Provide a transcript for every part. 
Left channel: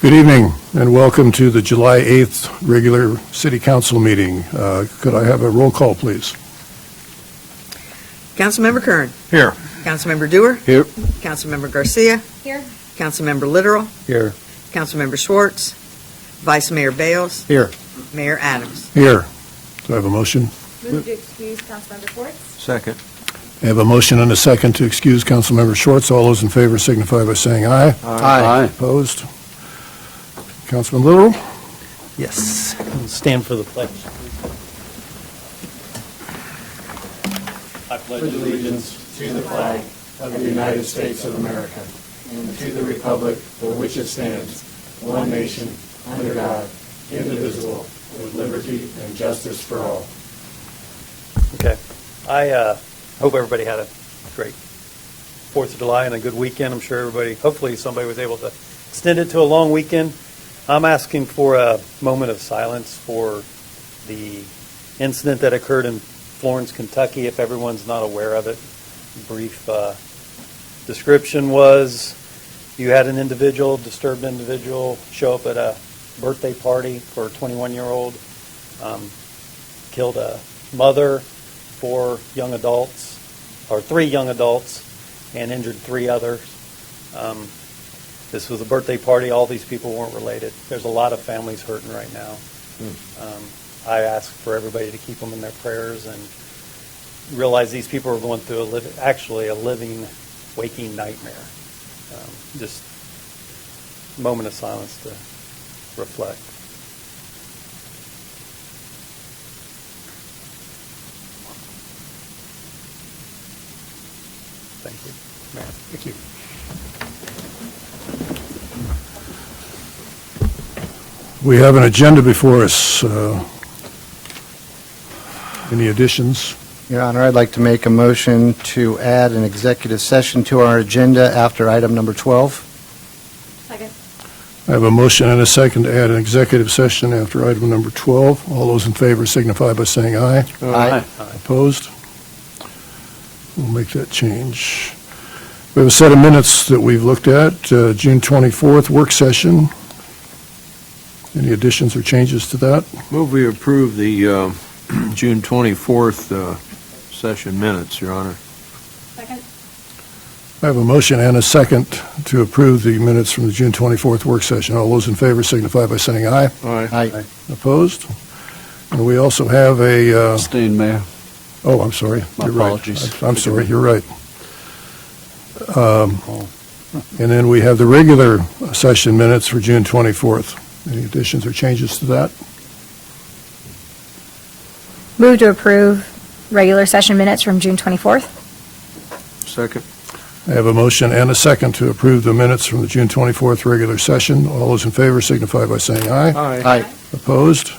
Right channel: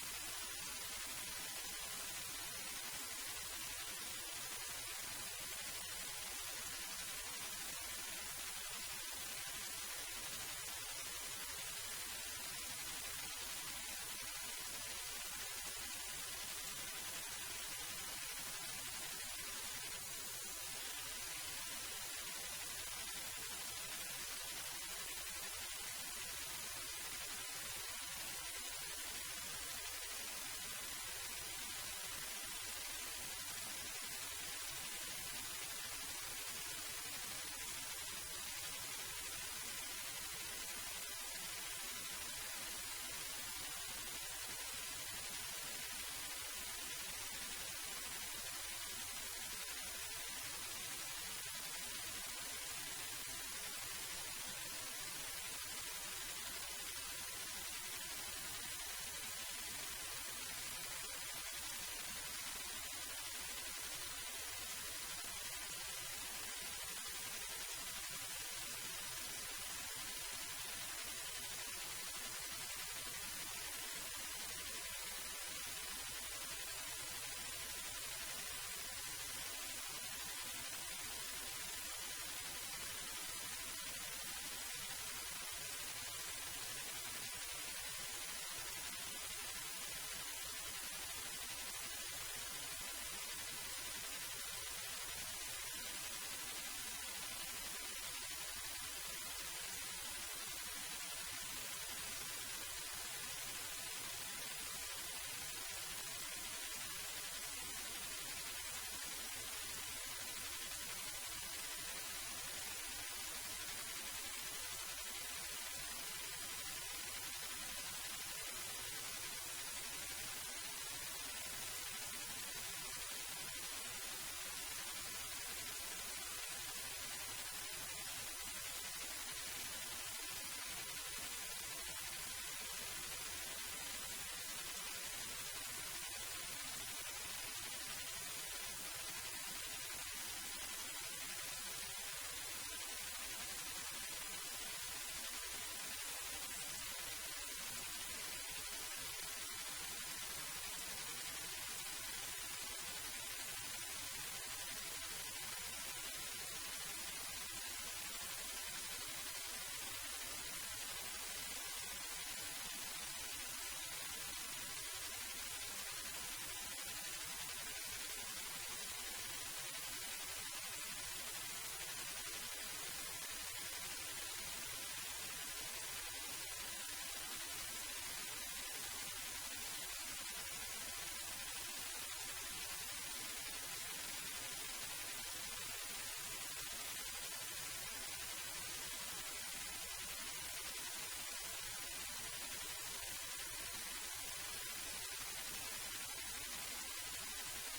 Good evening and welcome to the July 8th regular City Council meeting. Could I have a roll call, please? Councilmember Kern. Here. Councilmember Dewar. Here. Councilmember Garcia. Here. Councilmember Literal. Here. Councilmember Schwartz. Vice Mayor Bales. Here. Mayor Adams. Here. Do I have a motion? Move to excuse Councilmember Schwartz. Second. I have a motion and a second to excuse Councilmember Schwartz. All those in favor signify by saying aye. Aye. Opposed? Councilman Literal? Yes. Stand for the pledge. I pledge allegiance to the flag of the United States of America and to the republic for which it stands, one nation, under God, indivisible, with liberty and justice for all. Okay. I hope everybody had a great 4th of July and a good weekend. I'm sure hopefully somebody was able to extend it to a long weekend. I'm asking for a moment of silence for the incident that occurred in Florence, Kentucky, if everyone's not aware of it. Brief description was you had an disturbed individual, show up at a birthday party for a 21-year-old, killed a mother, 3 young adults, and injured 3 others. This was a birthday party. All these people weren't related. There's a lot of families hurting right now. I ask for everybody to keep them in their prayers and realize these people are going through a living, waking nightmare. Just a moment of silence to reflect. Thank you, Mayor. Thank you. We have an agenda before us. Any additions? Your Honor, I'd like to make a motion to add an executive session to our agenda after item number 12. Second. I have a motion and a second to add an executive session after item number 12. All those in favor signify by saying aye. Aye. Opposed? We'll make that change. We have a set of minutes that we've looked at. June 24th work session. Any additions or changes to that? Move we approve the June 24th session minutes, Your Honor. Second. I have a motion and a second to approve the minutes from the June 24th work session. All those in favor signify by saying aye. Aye. Opposed? And we also have a... Abstain, Mayor. Oh, I'm sorry. My You're apologies. Right. I'm sorry. You're right. And then we have the regular session minutes for June 24th. Any additions or changes to that? Move to approve regular session minutes from June 24th. Second. I have a motion and a second to approve the minutes from the June 24th regular session. All those in favor signify by saying aye. Aye. Opposed?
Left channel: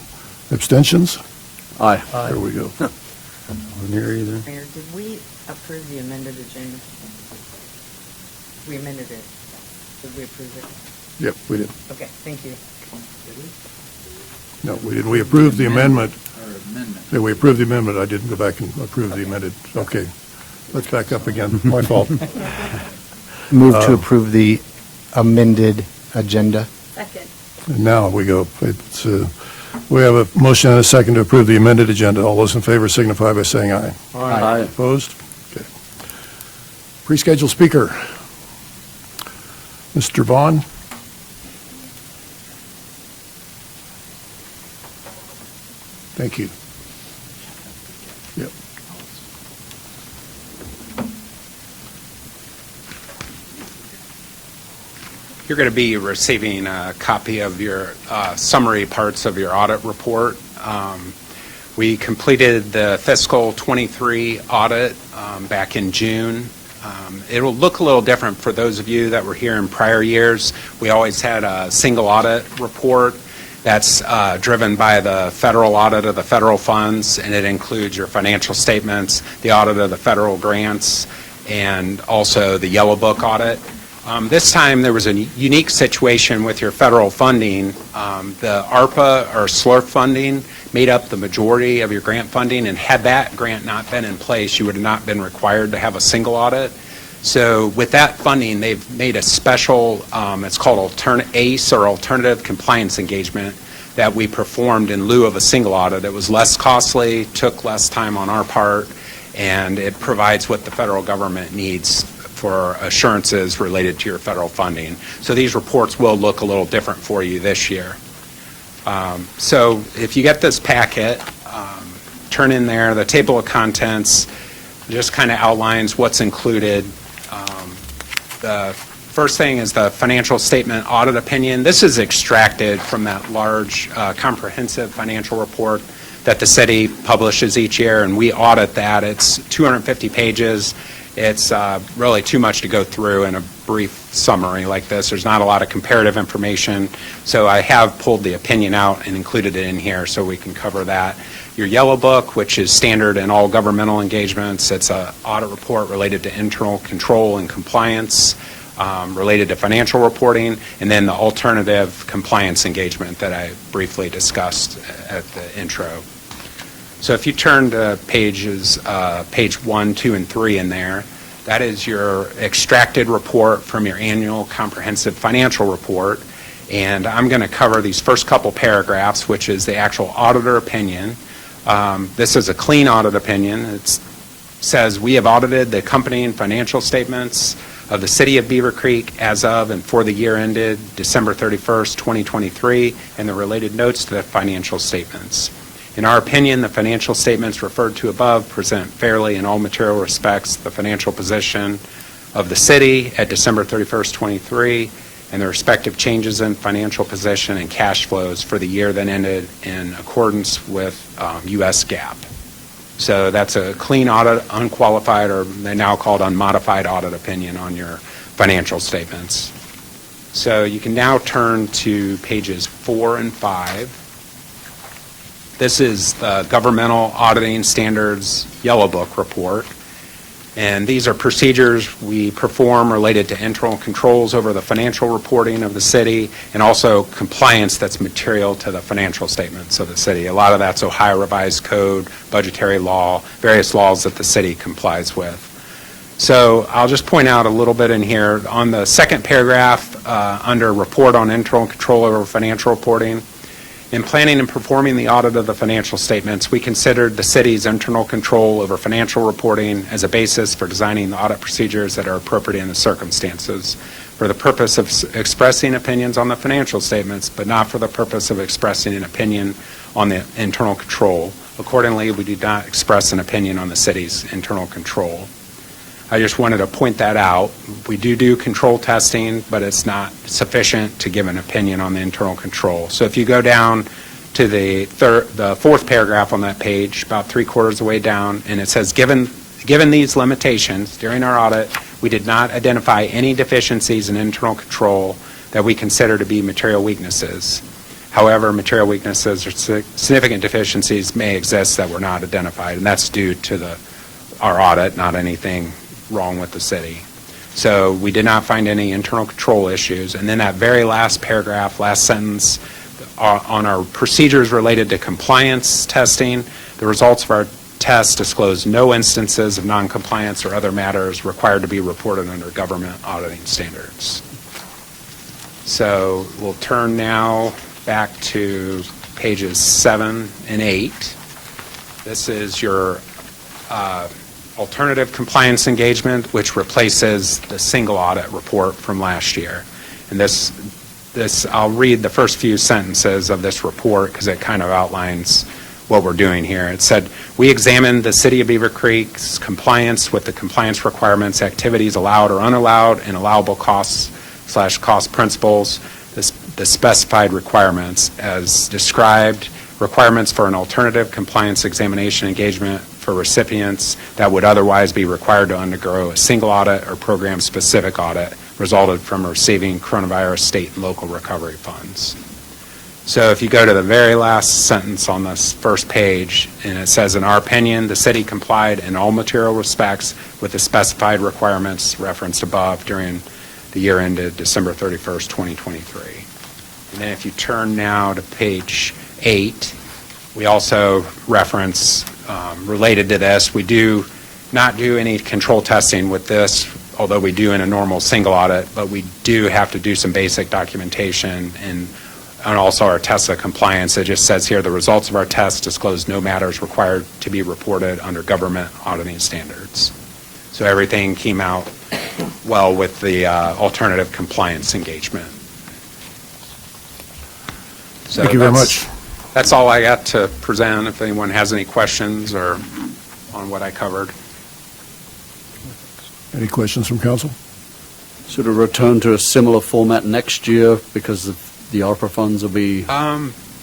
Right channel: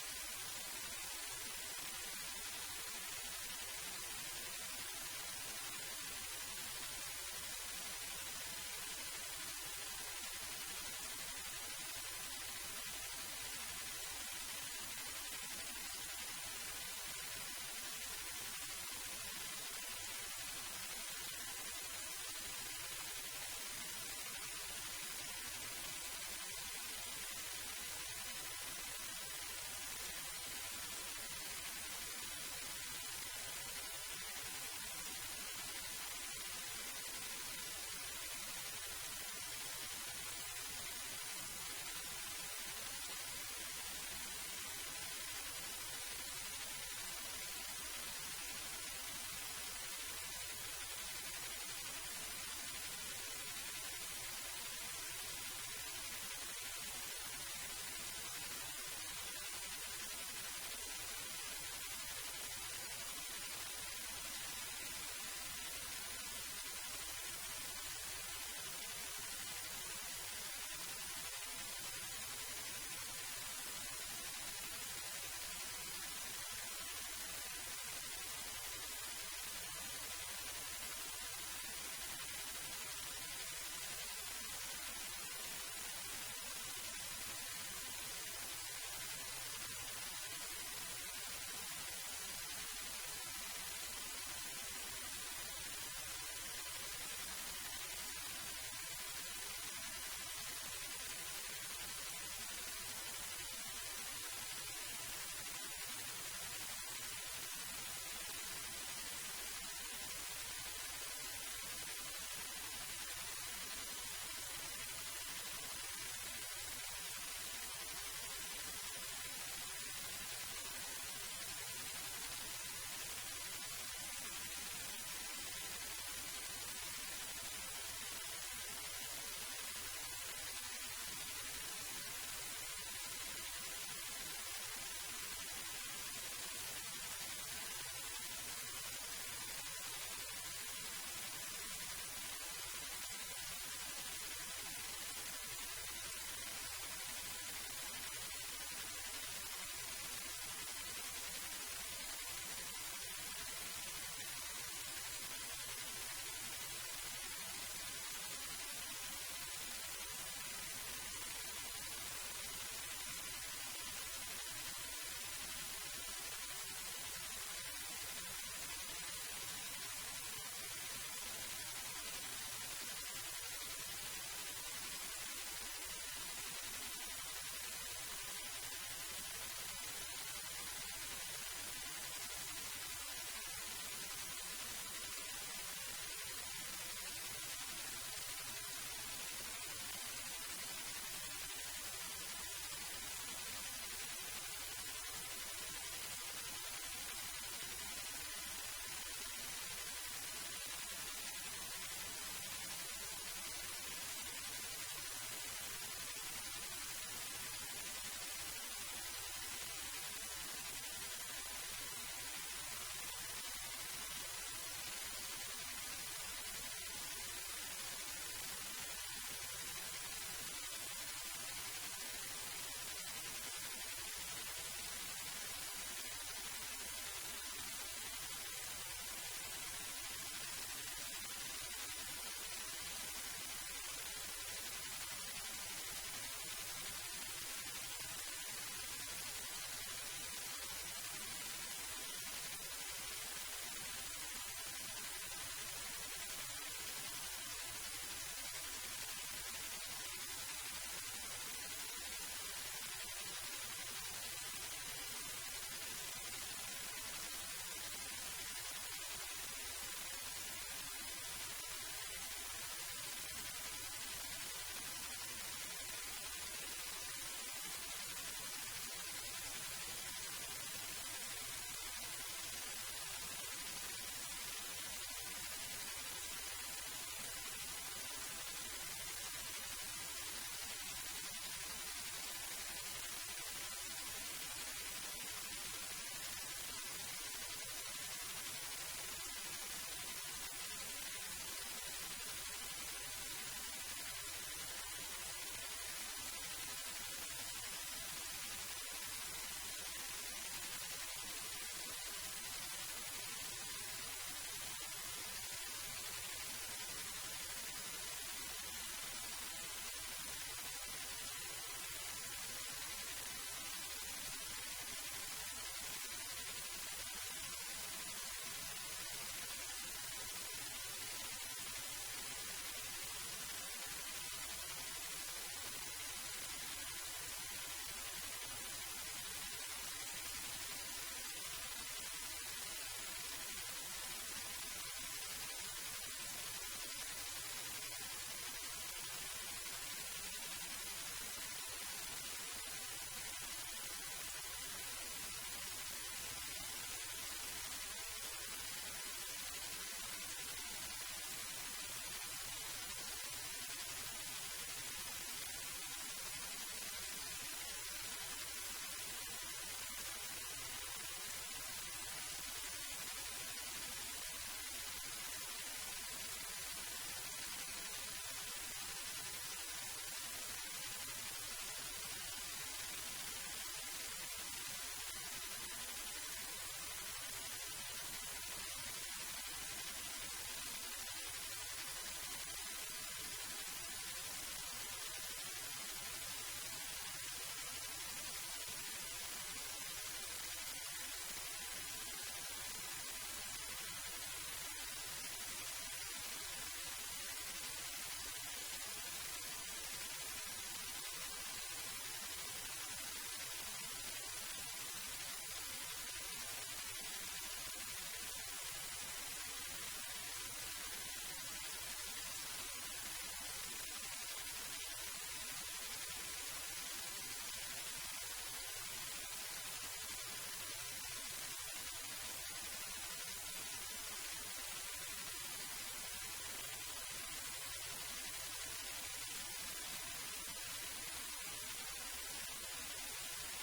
Abstentions? Aye. There we go. Wasn't here either. Mayor, did we approve the amended agenda? We amended it. Did we approve it? Yep, we did. Okay, thank you. No, we didn't. We approved the amendment. Yeah, we approved the amendment. I didn't go back and approve the amended. Okay. Let's back up again. My fault. Move to approve the amended agenda. Second. And now we go. We have a motion and a second to approve the amended agenda. All those in favor signify by saying aye. Aye. Opposed? Okay. Pre-scheduled speaker. Mr. Vaughn? Thank you. Yep. You're going to be receiving a copy of your summary parts of your audit report. We completed the fiscal 23 audit back in June. It will look a little different for those of you that were here in prior years. We always had a single audit report that's driven by the federal audit of the federal funds, and it includes your financial statements, the audit of the federal grants, and also the Yellow Book audit. This time there was a unique situation with your federal funding. The ARPA or SLRF funding made up the majority of your grant funding, and had that grant not been in place, you would have not been required to have a single audit. So with that funding, they've made a special, it's called ACE, or Alternative Compliance Engagement, that we performed in lieu of a single audit. It was less costly, took less time on our part, and it provides what the federal government needs for assurances related to your federal funding. So these reports will look a little different for you this year. So if you get this packet, turn in there, the table of contents just kind of outlines what's included. The first thing is the financial statement audit opinion. This is extracted from that large comprehensive financial report that the city publishes each year, and we audit that. It's 250 pages. It's really too much to go through in a brief summary like this. There's not a lot of comparative information, so I have pulled the opinion out and included it in here so we can cover that. Your yellow book, which is standard in all governmental engagements, it's an audit report related to internal control and compliance, related to financial reporting, and then the alternative compliance engagement that I briefly discussed at the intro. So if you turn to page 1, 2, and 3 in there, that is your extracted report from your annual comprehensive financial report. And I'm going to cover these first couple paragraphs, which is the actual auditor opinion. This is a clean audit opinion. It says, we have audited the accompanying financial statements of the City of Beavercreek as of and for the year ended December 31st, 2023, and the related notes to the financial statements. In our opinion, the financial statements referred to above present fairly in all material respects the financial position of the city at December 31st, 23, and the respective changes in financial position and cash flows for the year that ended in accordance with U.S. GAAP. So that's a clean audit, unqualified, or they now called unmodified audit opinion on your financial statements. So you can now turn to pages 4 and 5. This is the Governmental Auditing Standards Yellow Book report. And these are procedures we perform related to internal controls over the financial reporting of the city and also compliance that's material to the financial statements of the city. A lot of that's Ohio Revised Code, budgetary law, various laws that the city complies with. So I'll just point out a little bit in here. On the second paragraph, under Report on Internal Control over Financial Reporting, in planning and performing the audit of the financial statements, we considered the city's internal control over financial reporting as a basis for designing the audit procedures that are appropriate in the circumstances for the purpose of expressing opinions on the financial statements, but not for the purpose of expressing an opinion on the internal control. Accordingly, we did not express an opinion on the city's internal control. I just wanted to point that out. We do control testing, but it's not sufficient to give an opinion on the internal control. So if you go down to the fourth paragraph on that page, about 3/4 of the way down, and it says, given these limitations during our audit, we did not identify any deficiencies in internal control that we consider to be material weaknesses. However, material weaknesses or significant deficiencies may exist that were not identified, and that's due to our audit, not anything wrong with the city. So we did not find any internal control issues. And then that very last paragraph, last sentence, on our procedures related to compliance testing, the results of our tests disclose no instances of noncompliance or other matters required to be reported under government auditing standards. So we'll turn now back to pages 7 and 8. This is your alternative compliance engagement, which replaces the single audit report from last year. And this I'll read the first few sentences of this report because it kind of outlines what we're doing here. It said, we examined the City of Beavercreek's compliance with the compliance requirements, activities allowed or unallowed, and allowable costs/cost principles, the specified requirements as described, requirements for an alternative compliance examination engagement for recipients that would otherwise be required to undergo a single audit or program-specific audit resulted from receiving coronavirus state and local recovery funds. So if you go to the very last sentence on this first page, and it says, in our opinion, the city complied in all material respects with the specified requirements referenced above during the year ended December 31st, 2023. And then if you turn now to page 8, we also reference, related to this, we do not do any control testing with this although we do in a normal single audit, but we do have to do some basic documentation and also our test of compliance. It just says here, the results of our test disclose no matters required to be reported under government auditing standards. So everything came out well with the alternative compliance engagement. So Thank you very much. That's all I got to present. If anyone has any questions or on what I covered. Any questions from council? Should it return to a similar format next year because of the ARPA funds will be?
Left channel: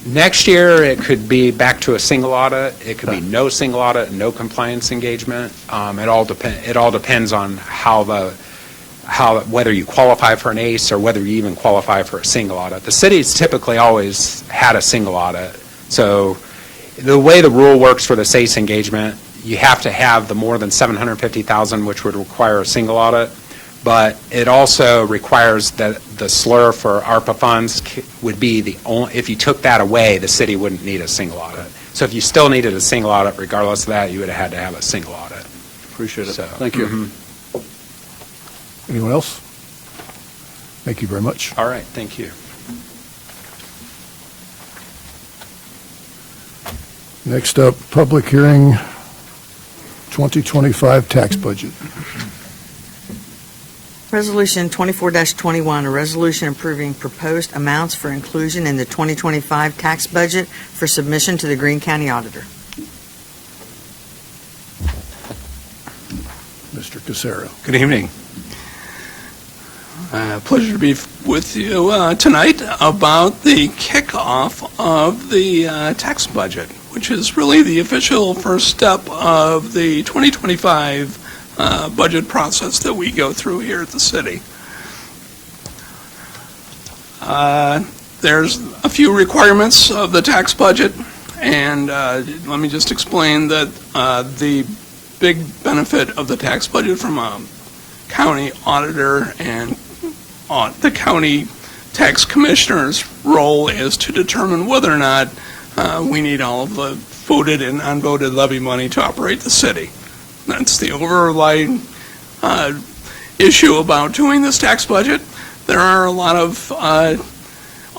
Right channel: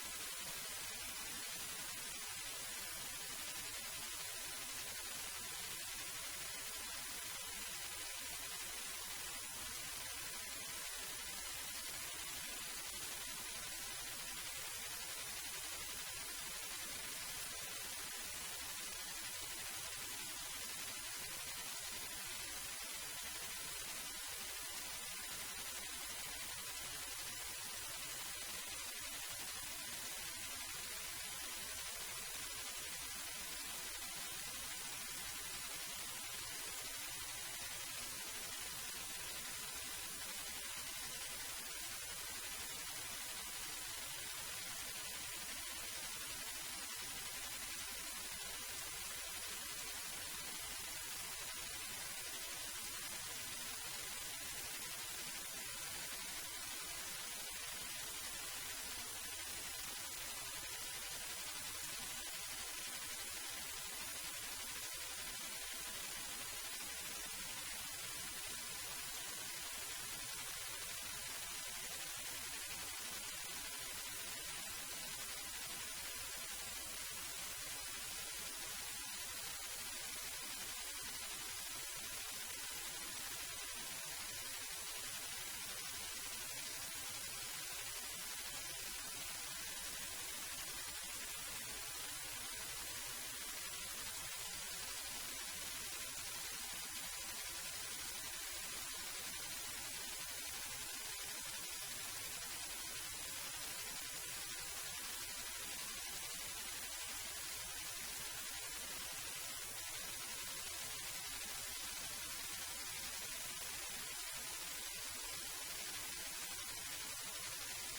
Next year, it could be back to a single audit. It could be no single audit, no compliance engagement. It all depends on whether you qualify for an ACE or whether you even qualify for a single audit. The city's typically always had a single audit. So the way the rule works for the ACE engagement, you have to have the more than $750,000, which would require a single audit. But it also requires that the slur for ARPA funds would be the only, if you took that away, the city wouldn't need a single audit. So if you still needed a single audit, regardless of that, you would have had to have a single audit. Appreciate it. So, Thank you. Anyone else? Thank you very much. All right, thank you. Next up, public hearing, 2025 tax budget. Resolution 24-21, a resolution approving proposed amounts for inclusion in the 2025 tax budget for submission to the Greene County Auditor. Mr. Casero. Good evening. Pleasure to be with you tonight about the kickoff of the tax budget, which is really the official first step of the 2025 budget process that we go through here at the city. There's a few requirements of the tax budget, and let me just explain that the big benefit of the tax budget from a county auditor and the county tax commissioner's role is to determine whether or not we need all of the voted and unvoted levy money to operate the city. That's the overlying issue about doing this tax budget. There are a lot of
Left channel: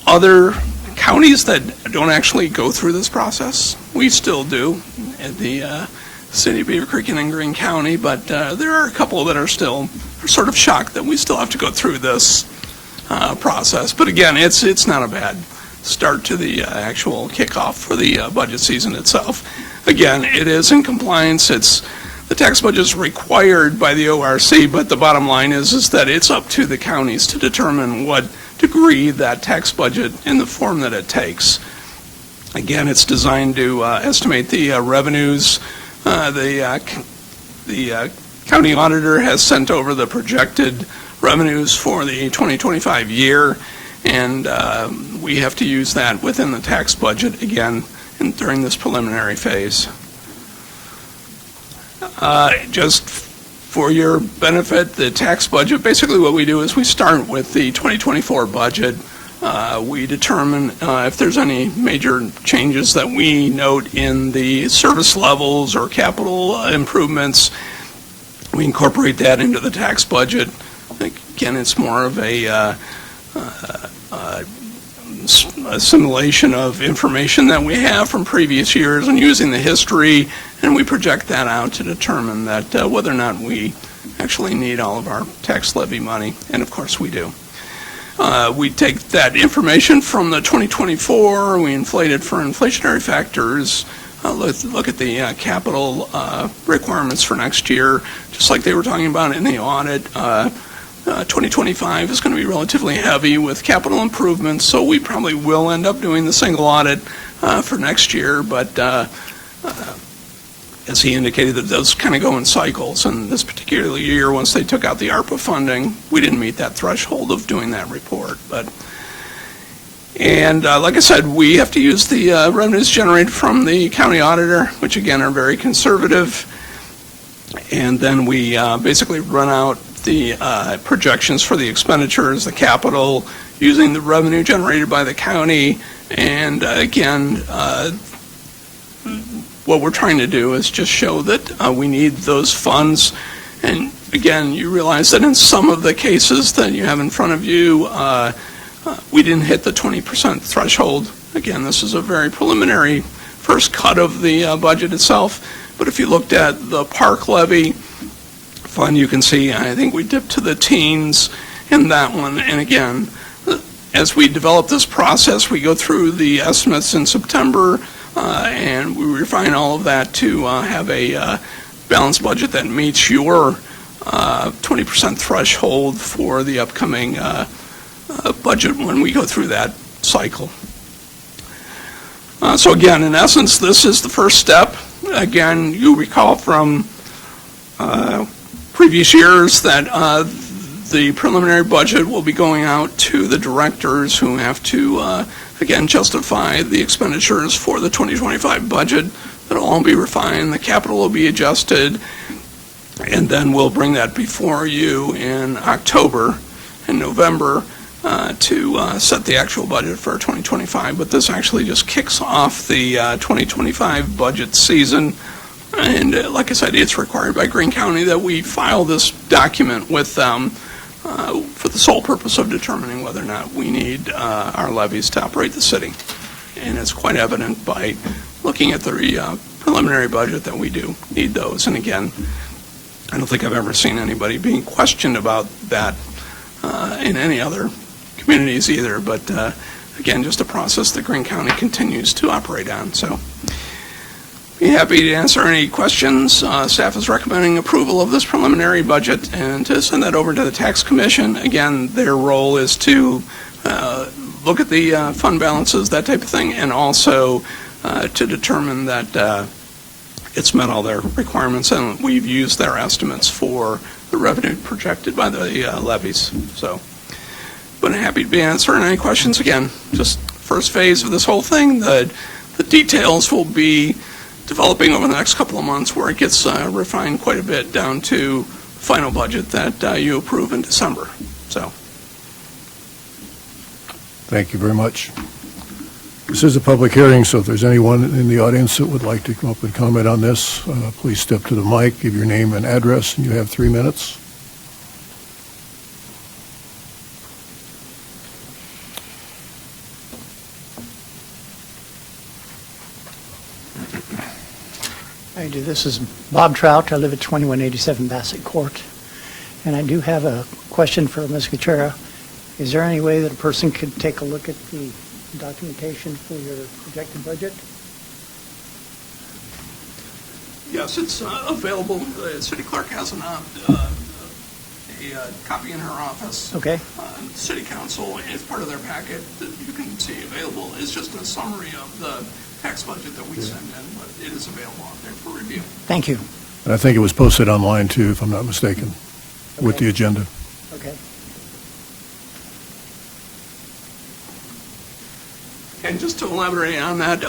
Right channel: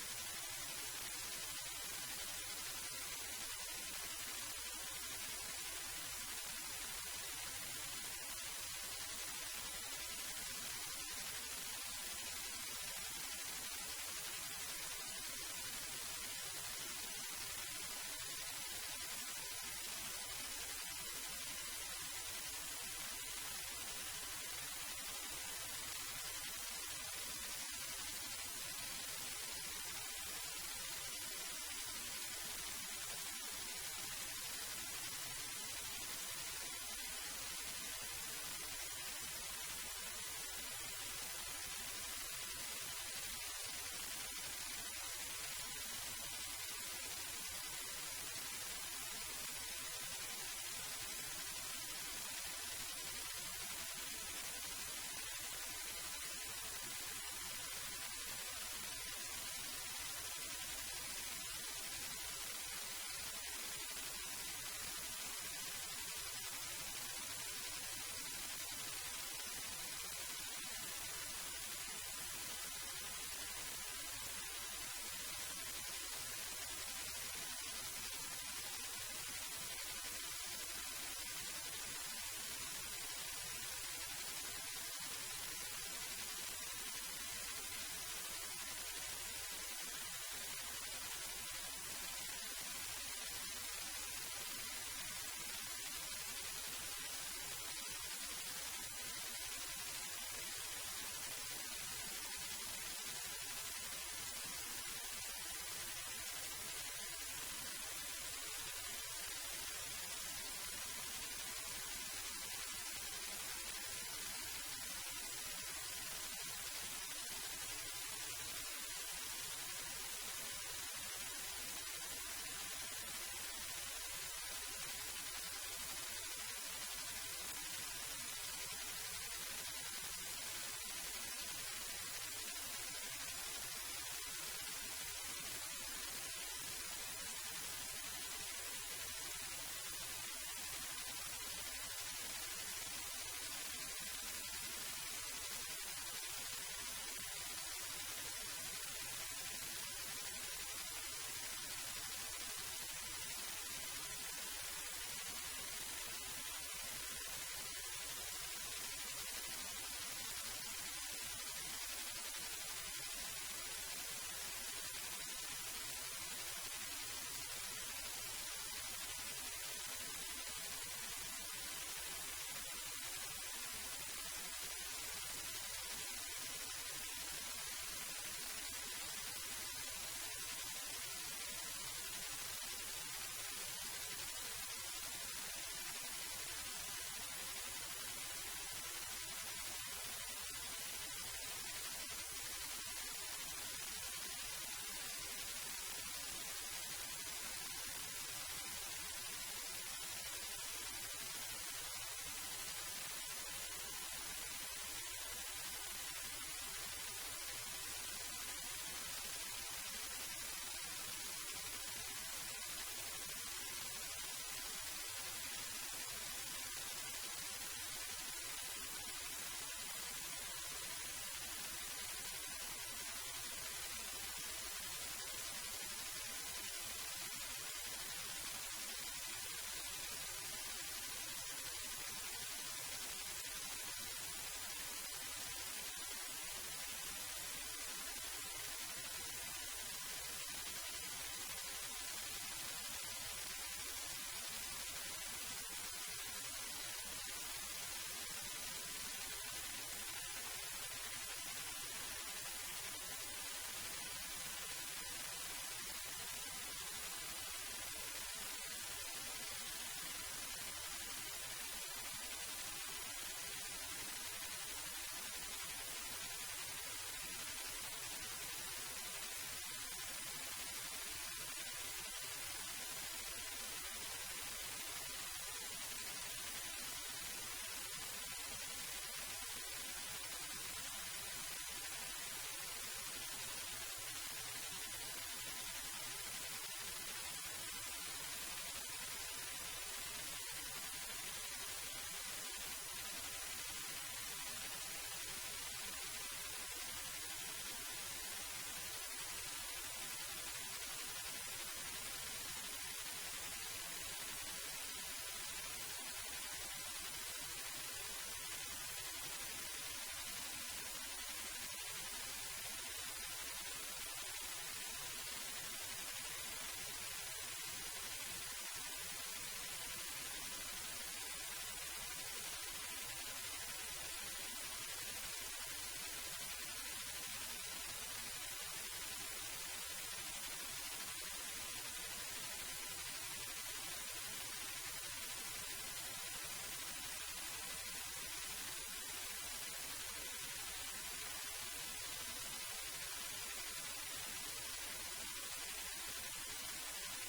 other counties that don't actually go through this process. We still do at the city of Beavercreek and in Greene County, but there are a couple that are still sort of shocked that we still have to go through this process. But again, it's not a bad start to the actual kickoff for the budget season itself. Again, it is in compliance. The tax budget is required by the ORC, but the bottom line is that it's up to the counties to determine what degree that tax budget in the form that it takes. Again, it's designed to estimate the revenues. The county auditor has sent over the projected revenues for the 2025 year, and we have to use that within the tax budget again during this preliminary phase. Just for your benefit, the tax budget, basically what we do is we start with the 2024 budget. We determine if there's any major changes that we note in the service levels or capital improvements. We incorporate that into the tax budget. Again, it's more of a simulation of information that we have from previous years and using the history, and we project that out to determine that whether or not we actually need all of our tax levy money, and of course we do. We take that information from the 2024, we inflate it for inflationary factors, look at the capital requirements for next year, just like they were talking about in the audit. 2025 is going to be relatively heavy with capital improvements, so we probably will end up doing the single audit for next year, but as he indicated, that does kind of go in cycles, and this particular year, once they took out the ARPA funding, we didn't meet that threshold of doing that report. And like I said, we have to use the revenues generated from the county auditor, which again are very conservative, and then we basically run out the projections for the expenditures, the capital, using the revenue generated by the county, and again, what we're trying to do is just show that we need those funds, and again, you realize that in some of the cases that you have in front of you, we didn't hit the 20% threshold. Again, this is a very preliminary first cut of the budget itself. But if you looked at the park levy fund, you can see, I think we dipped to the teens in that one. And again, as we develop this process, we go through the estimates in September, and we refine all of that to have a balanced budget that meets your 20% threshold for the upcoming budget when we go through that cycle. So again, in essence, this is the first step. Again, you recall from previous years that the preliminary budget will be going out to the directors who have to, again, justify the expenditures for the 2025 budget. That'll all be refined, the capital will be adjusted, and then we'll bring that before you in October and November to set the actual budget for 2025. But this actually just kicks off the 2025 budget season. And like I said, it's required by Greene County that we file this document with them for the sole purpose of determining whether or not we need our levies to operate the city. And it's quite evident by looking at the preliminary budget that we do need those. And again, I don't think I've ever seen anybody being questioned about that in any other communities either. But again, just a process that Greene County continues to operate on. So be happy to answer any questions. Staff is recommending approval of this preliminary budget and to send that over to the Tax Commission. Again, their role is to look at the fund balances, that type of thing, and also to determine that it's met all their requirements, and we've used their estimates for the revenue projected by the levies. So, but I'm happy to be answering any questions. Again, just first phase of this whole thing. The details will be developing over the next couple of months, where it gets refined quite a bit down to final budget that you approve in December. So, Thank you very much. This is a public hearing, so if there's anyone in the audience that would like to come up and comment on this, please step to the mic, give your name and address, and you have 3 minutes. I do. This is Bob Trout. I live at 2187 Bassett Court. And I do have a question for Ms. Gutierrez. Is there any way that a person could take a look at the documentation for your projected budget? yes, it's available. The city clerk has a copy in her office. Okay. City council, as part of their packet that you can see available, is just a summary of the tax budget that we send in, but it is available out there for review. Thank you. And I think it was posted online too, if I'm not mistaken, with Okay. the agenda. Okay. And just to elaborate on that,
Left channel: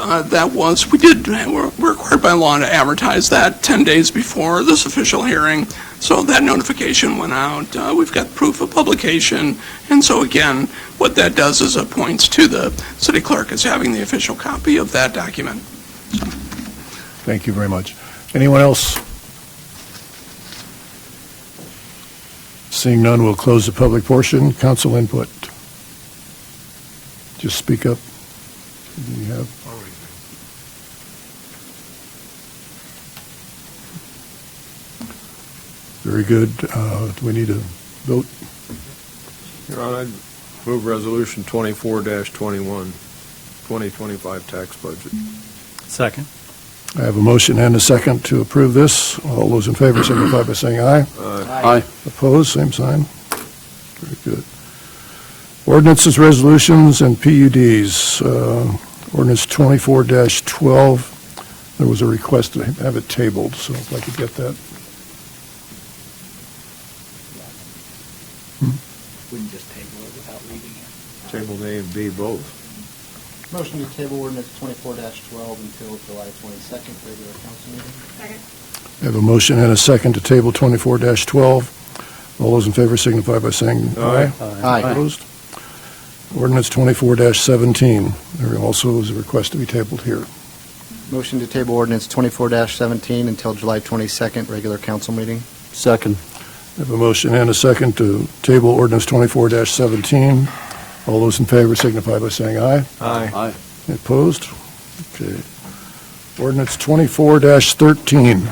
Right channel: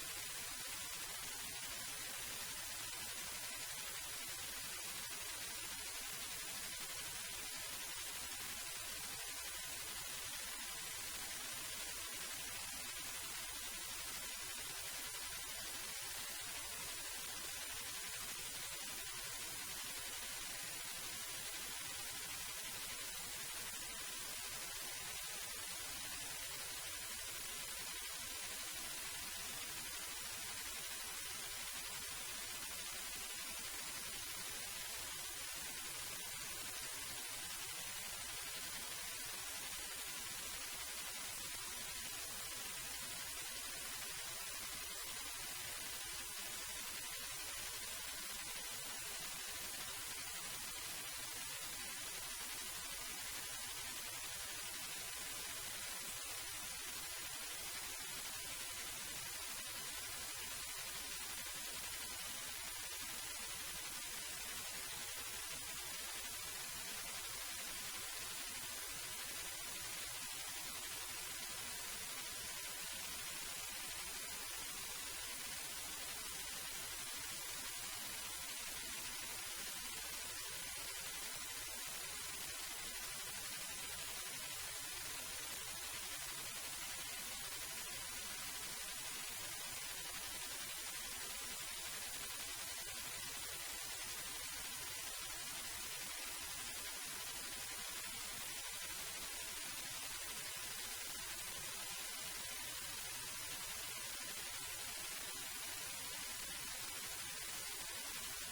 we're required by law to advertise that 10 days before this official hearing. So that notification went out. We've got proof of publication. And so again, what that does is it points to the city clerk as having the official copy of that document. Thank you very much. Anyone else? Seeing none, we'll close the public portion. Council input. Just speak up. Do you have? Very good. Do we need a vote? Your Honor, I'd move Resolution 24-21, 2025 tax budget. Second. I have a motion and a second to approve this. All those in favor signify by saying aye. Aye. Opposed, same sign. Very good. Ordinances, resolutions, and PUDs. Ordinance 24-12. There was a request to have it tabled, so if I could get that. Wouldn't just table it without reading it. Table A and B both. Motion to table ordinance 24-12 until July 22nd, regular council meeting. I have a motion and a second to table 24-12. All those in favor signify by saying aye. Aye. Opposed? Ordinance 24-17. There also is a request to be tabled here. Motion to table ordinance 24-17 until July 22nd, regular council meeting. Second. I I have a motion and a second to table ordinance 24-17. All those in favor signify by saying aye. Aye. Opposed? Okay. Ordinance 24-13.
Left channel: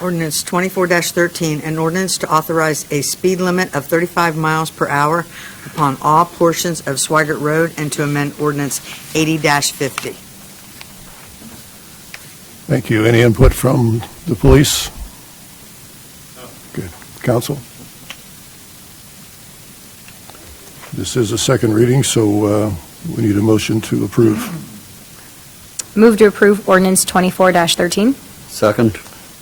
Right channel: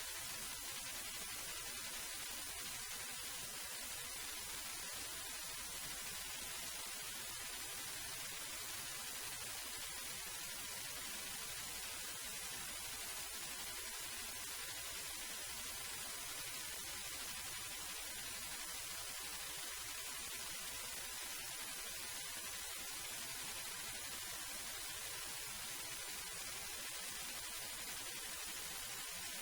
Ordinance 24-13, an ordinance to authorize a speed limit of 35 miles per hour upon all portions of Swigert Road and to amend ordinance 80-50. Thank you. Any input from the police? Good. Council? This is a second reading, so we need a motion to approve. Move to approve ordinance 24-13. Second.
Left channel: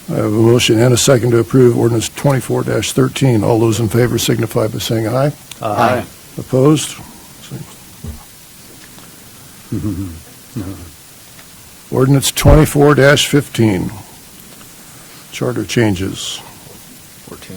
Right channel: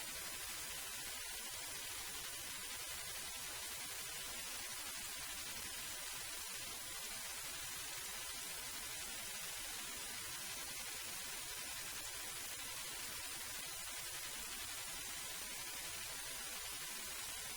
I have a motion and a second to approve ordinance 24-13. All those in favor signify by saying aye. Aye. Opposed? Ordinance 24-15. Charter changes. 14.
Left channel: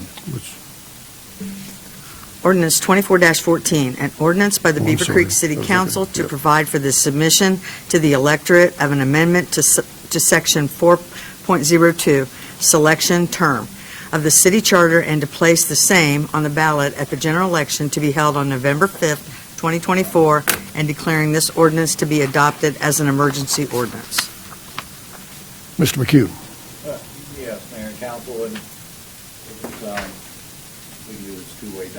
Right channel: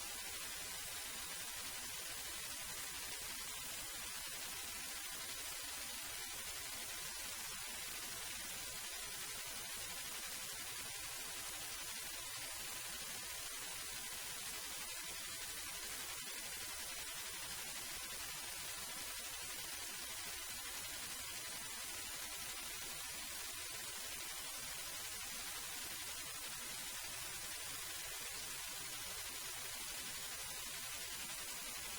Ordinance 24-14, an ordinance by the Oh, I'm Beaver sorry. Creek City I was Council looking, to yep. provide for the submission to the electorate of an amendment to Section 4.02, Selection Term, of the city charter and to place the same on the ballot at the general election to be held on November 5th, 2024, and declaring this ordinance to be adopted as an emergency ordinance. Mr. McHugh. Yes, Mayor and Council, and it's two ways.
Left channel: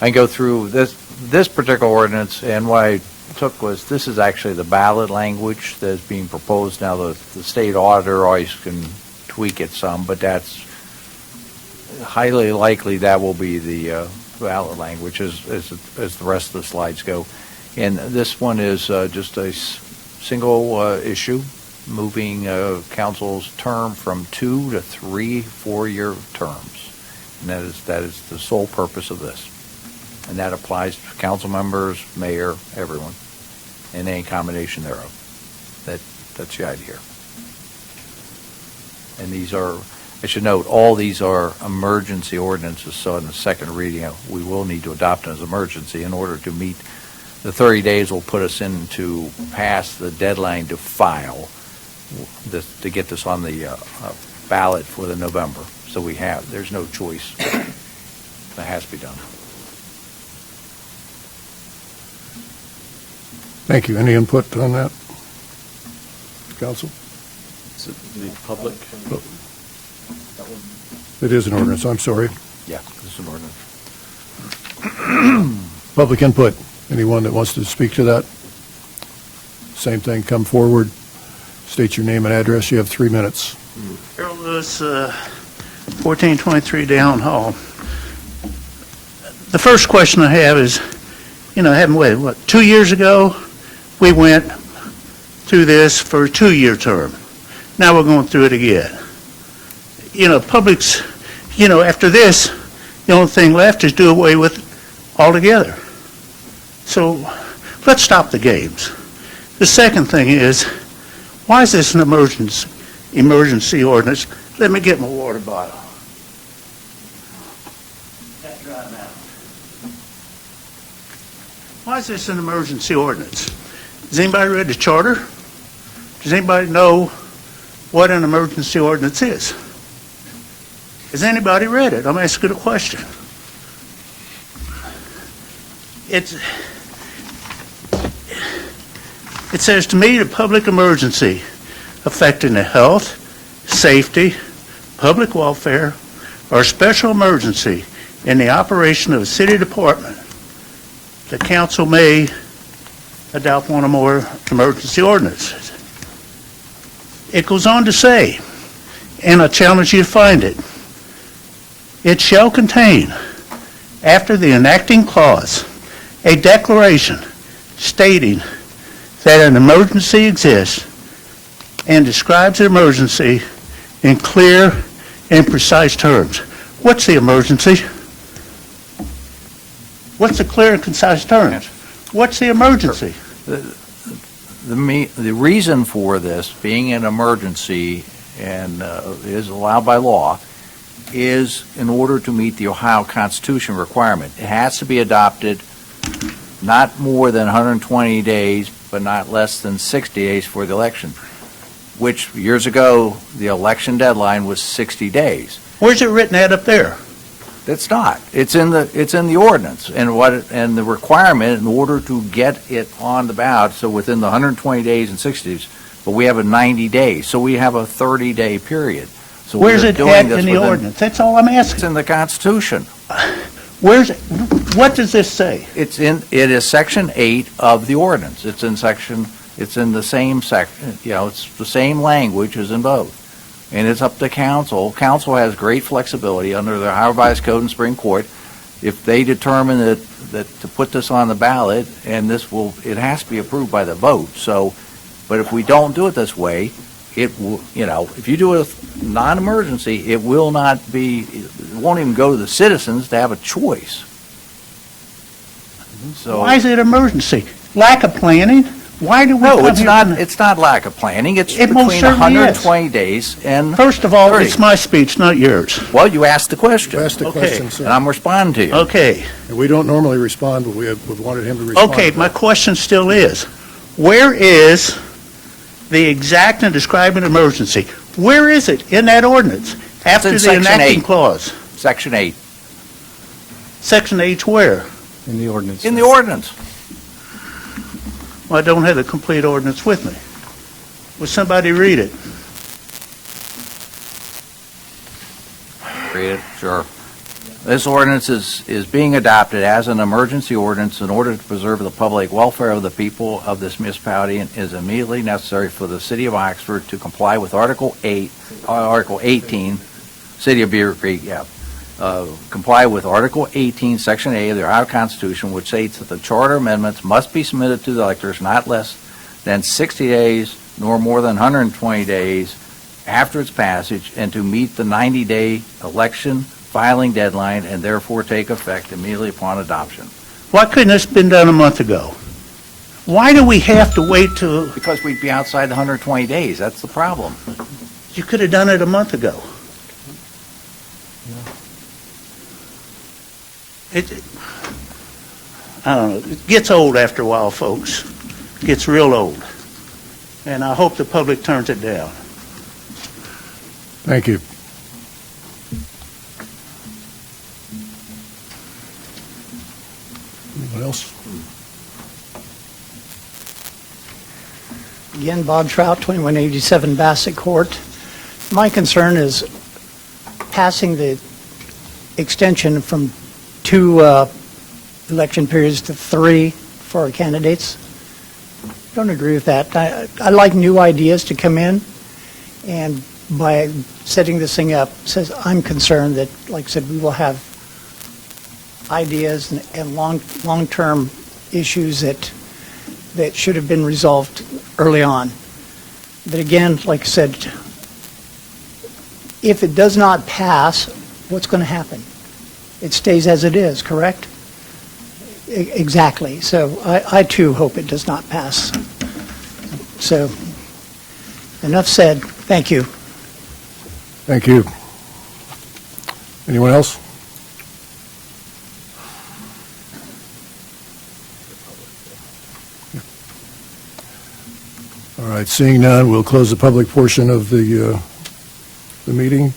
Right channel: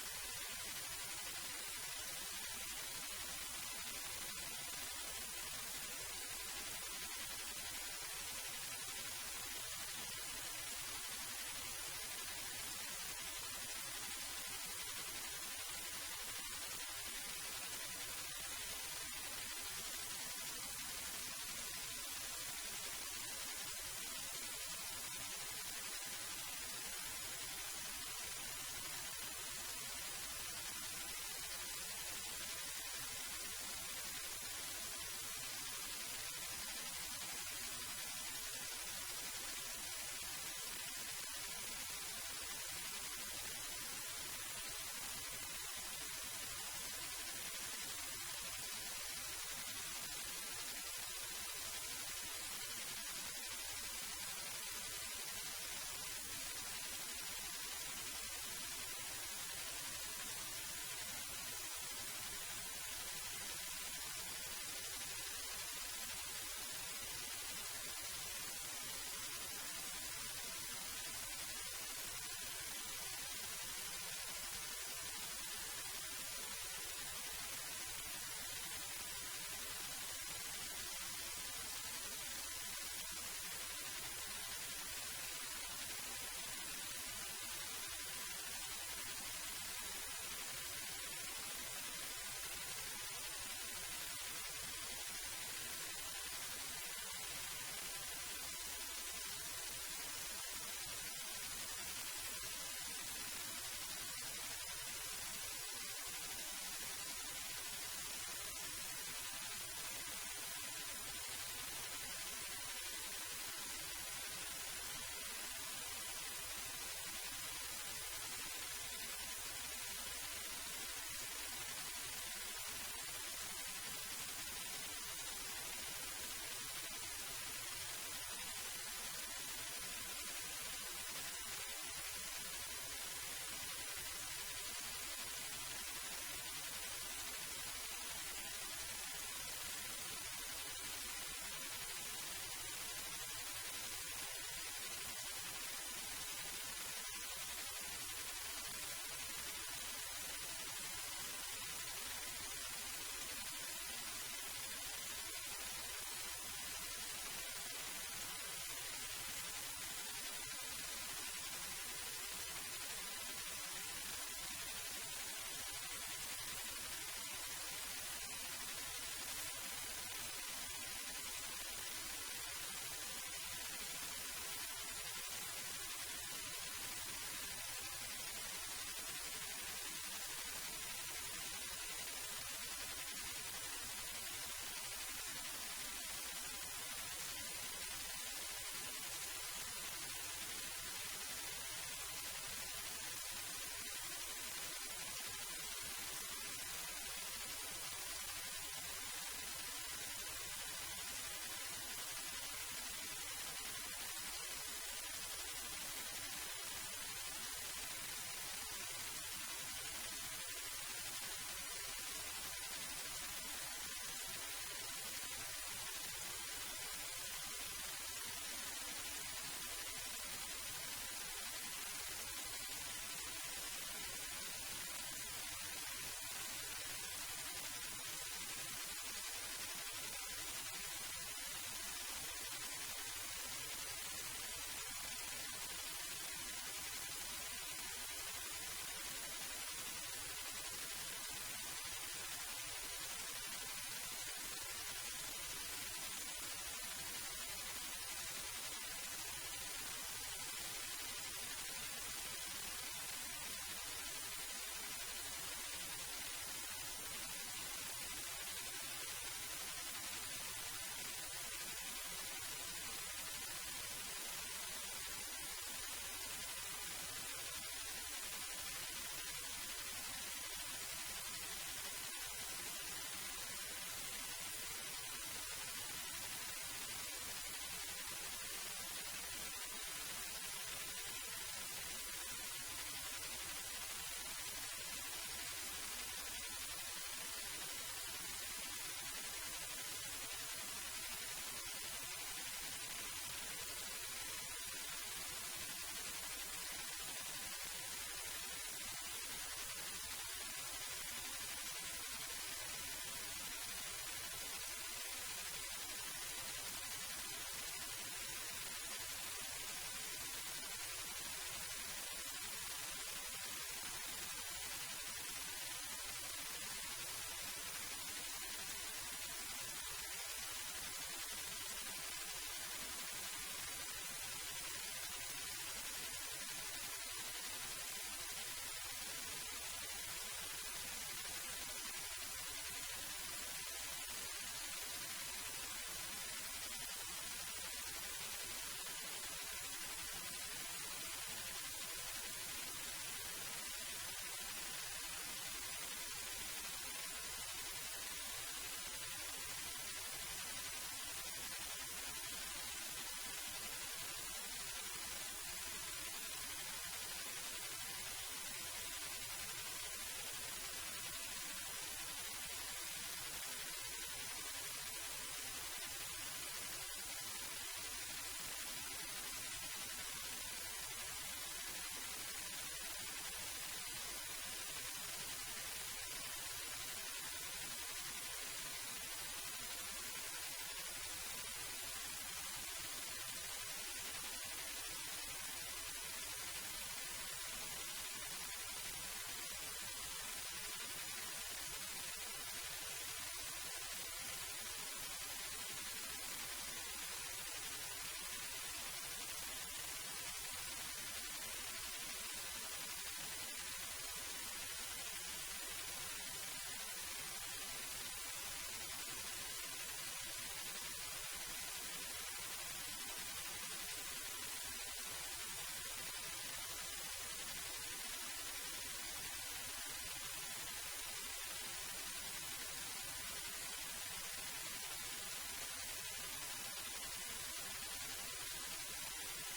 I can go through this particular ordinance, and what I took was, this is actually the ballot language that's being proposed now. The state auditor always can tweak it some, but that's highly likely that will be the ballot language as the rest of the slides go. And this one is just a single issue, moving council's term from 2 to 3 4-year terms. And that is the sole purpose of this. And that applies to council members, mayor, everyone, and any combination thereof. That's the idea. And these are, I should note, all these are emergency ordinances, so in the second reading, we will need to adopt them as emergency in order to meet the 30 days will put us into past the deadline to file to get this on the ballot for the November. So there's no choice. That has to be done. Thank you. Any input on that? Council? Is it the public? It is an ordinance. I'm sorry. Yeah, this is an ordinance. Public input. Anyone that wants to speak to that? Same thing, come forward, state your name and address. You have 3 minutes. Earl Lewis, 1423 Down Hall. The first question I have is, haven't waited, 2 years ago, we went through this for a 2-year term. Now we're going through it again. Public's, after this, the only thing left is do away with it altogether. So let's stop the games. The second thing is, why is this an emergency ordinance? Let me get my water bottle. That's dry now. Why is this an emergency ordinance? Has anybody read the charter? Does anybody know what an emergency ordinance is? Has anybody read it? I'm asking a question. It says to meet a public emergency affecting the health, safety, public welfare, or special emergency in the operation of a city department, the council may adopt one or more emergency ordinances. It goes on to say, and I challenge you to find it, it shall contain, after the enacting clause, a declaration stating that an emergency exists and describes the emergency in clear and precise terms. What's the emergency? What's the clear and concise terms? What's the emergency? The reason for this being an emergency and is allowed by law is in order to meet the Ohio Constitution requirement. It has to be adopted not more than 120 days, but not less than 60 days for the election. which years ago, the election deadline was 60 days. Where's it written at up there? It's not. It's in the ordinance, and the requirement in order to get it on the ballot, so within the 120 days and 60 days, but we have a 90 days, so we have a 30-day period. So Where's we're it doing at this in the within- ordinance? That's all I'm It's asking. in the Constitution. Where's it? What does this say? It is Section 8 of the ordinance. It's in the same section, it's the same language as in both. And it's up to council. Council has great flexibility under the Ohio Revised Code and Supreme Court. If they determine that to put this on the ballot, and it has to be approved by the vote. So, but if we don't do it this way, it will, if you do a non-emergency, it won't even go to the citizens to have a choice. So. Why is it emergency? Lack of planning? Why do we No, come it's here not, tonight? it's not lack of planning. It's It most between certainly is. 120 days and First of all, 30. it's my speech, not yours. Well, you asked the question, Ask the Okay. question, and sir. I'm responding to you. Okay. And we don't normally respond, but we wanted him to respond. Okay, to my that. question still is, where is the exact and describing emergency? Where is it in that ordinance? After in the Section enacting 8. clause? Section 8, Section 8 where? In the ordinance. in the ordinance. Well, I don't have the complete ordinance with me. Will somebody read it? Read it, sure. This ordinance is being adopted as an emergency ordinance in order to preserve the public welfare of the people of this municipality and is immediately necessary for the city of Oxford to comply with Article 18, City of Beavercreek, comply with Article 18, Section A of the Ohio Constitution, which states that the charter amendments must be submitted to the electors not less than 60 days nor more than 120 days after its passage, and to meet the 90-day election filing deadline and therefore take effect immediately upon adoption. Why couldn't this have been done a month ago? Why do we have to wait till, Because we'd be outside the 120 days. That's the problem. you could have done it a month ago? I don't know, it gets old after a while, folks. It gets real old. And I hope the public turns it down. Thank you. Anyone else? Again, Bob Trout, 2187 Bassett Court. My concern is passing the extension from 2 election periods to 3 for our candidates. Don't agree with that. I like new ideas to come in, and by setting this thing up, says I'm concerned that, like I said, we will have ideas and long-term issues that should have been resolved early on. But again, like I said, if it does not pass, what's going to happen? It stays as it is, correct? Exactly. So I too hope it does not pass. So enough said. Thank you. Thank you. Anyone else? All right, seeing none, we'll close the public portion of the meeting.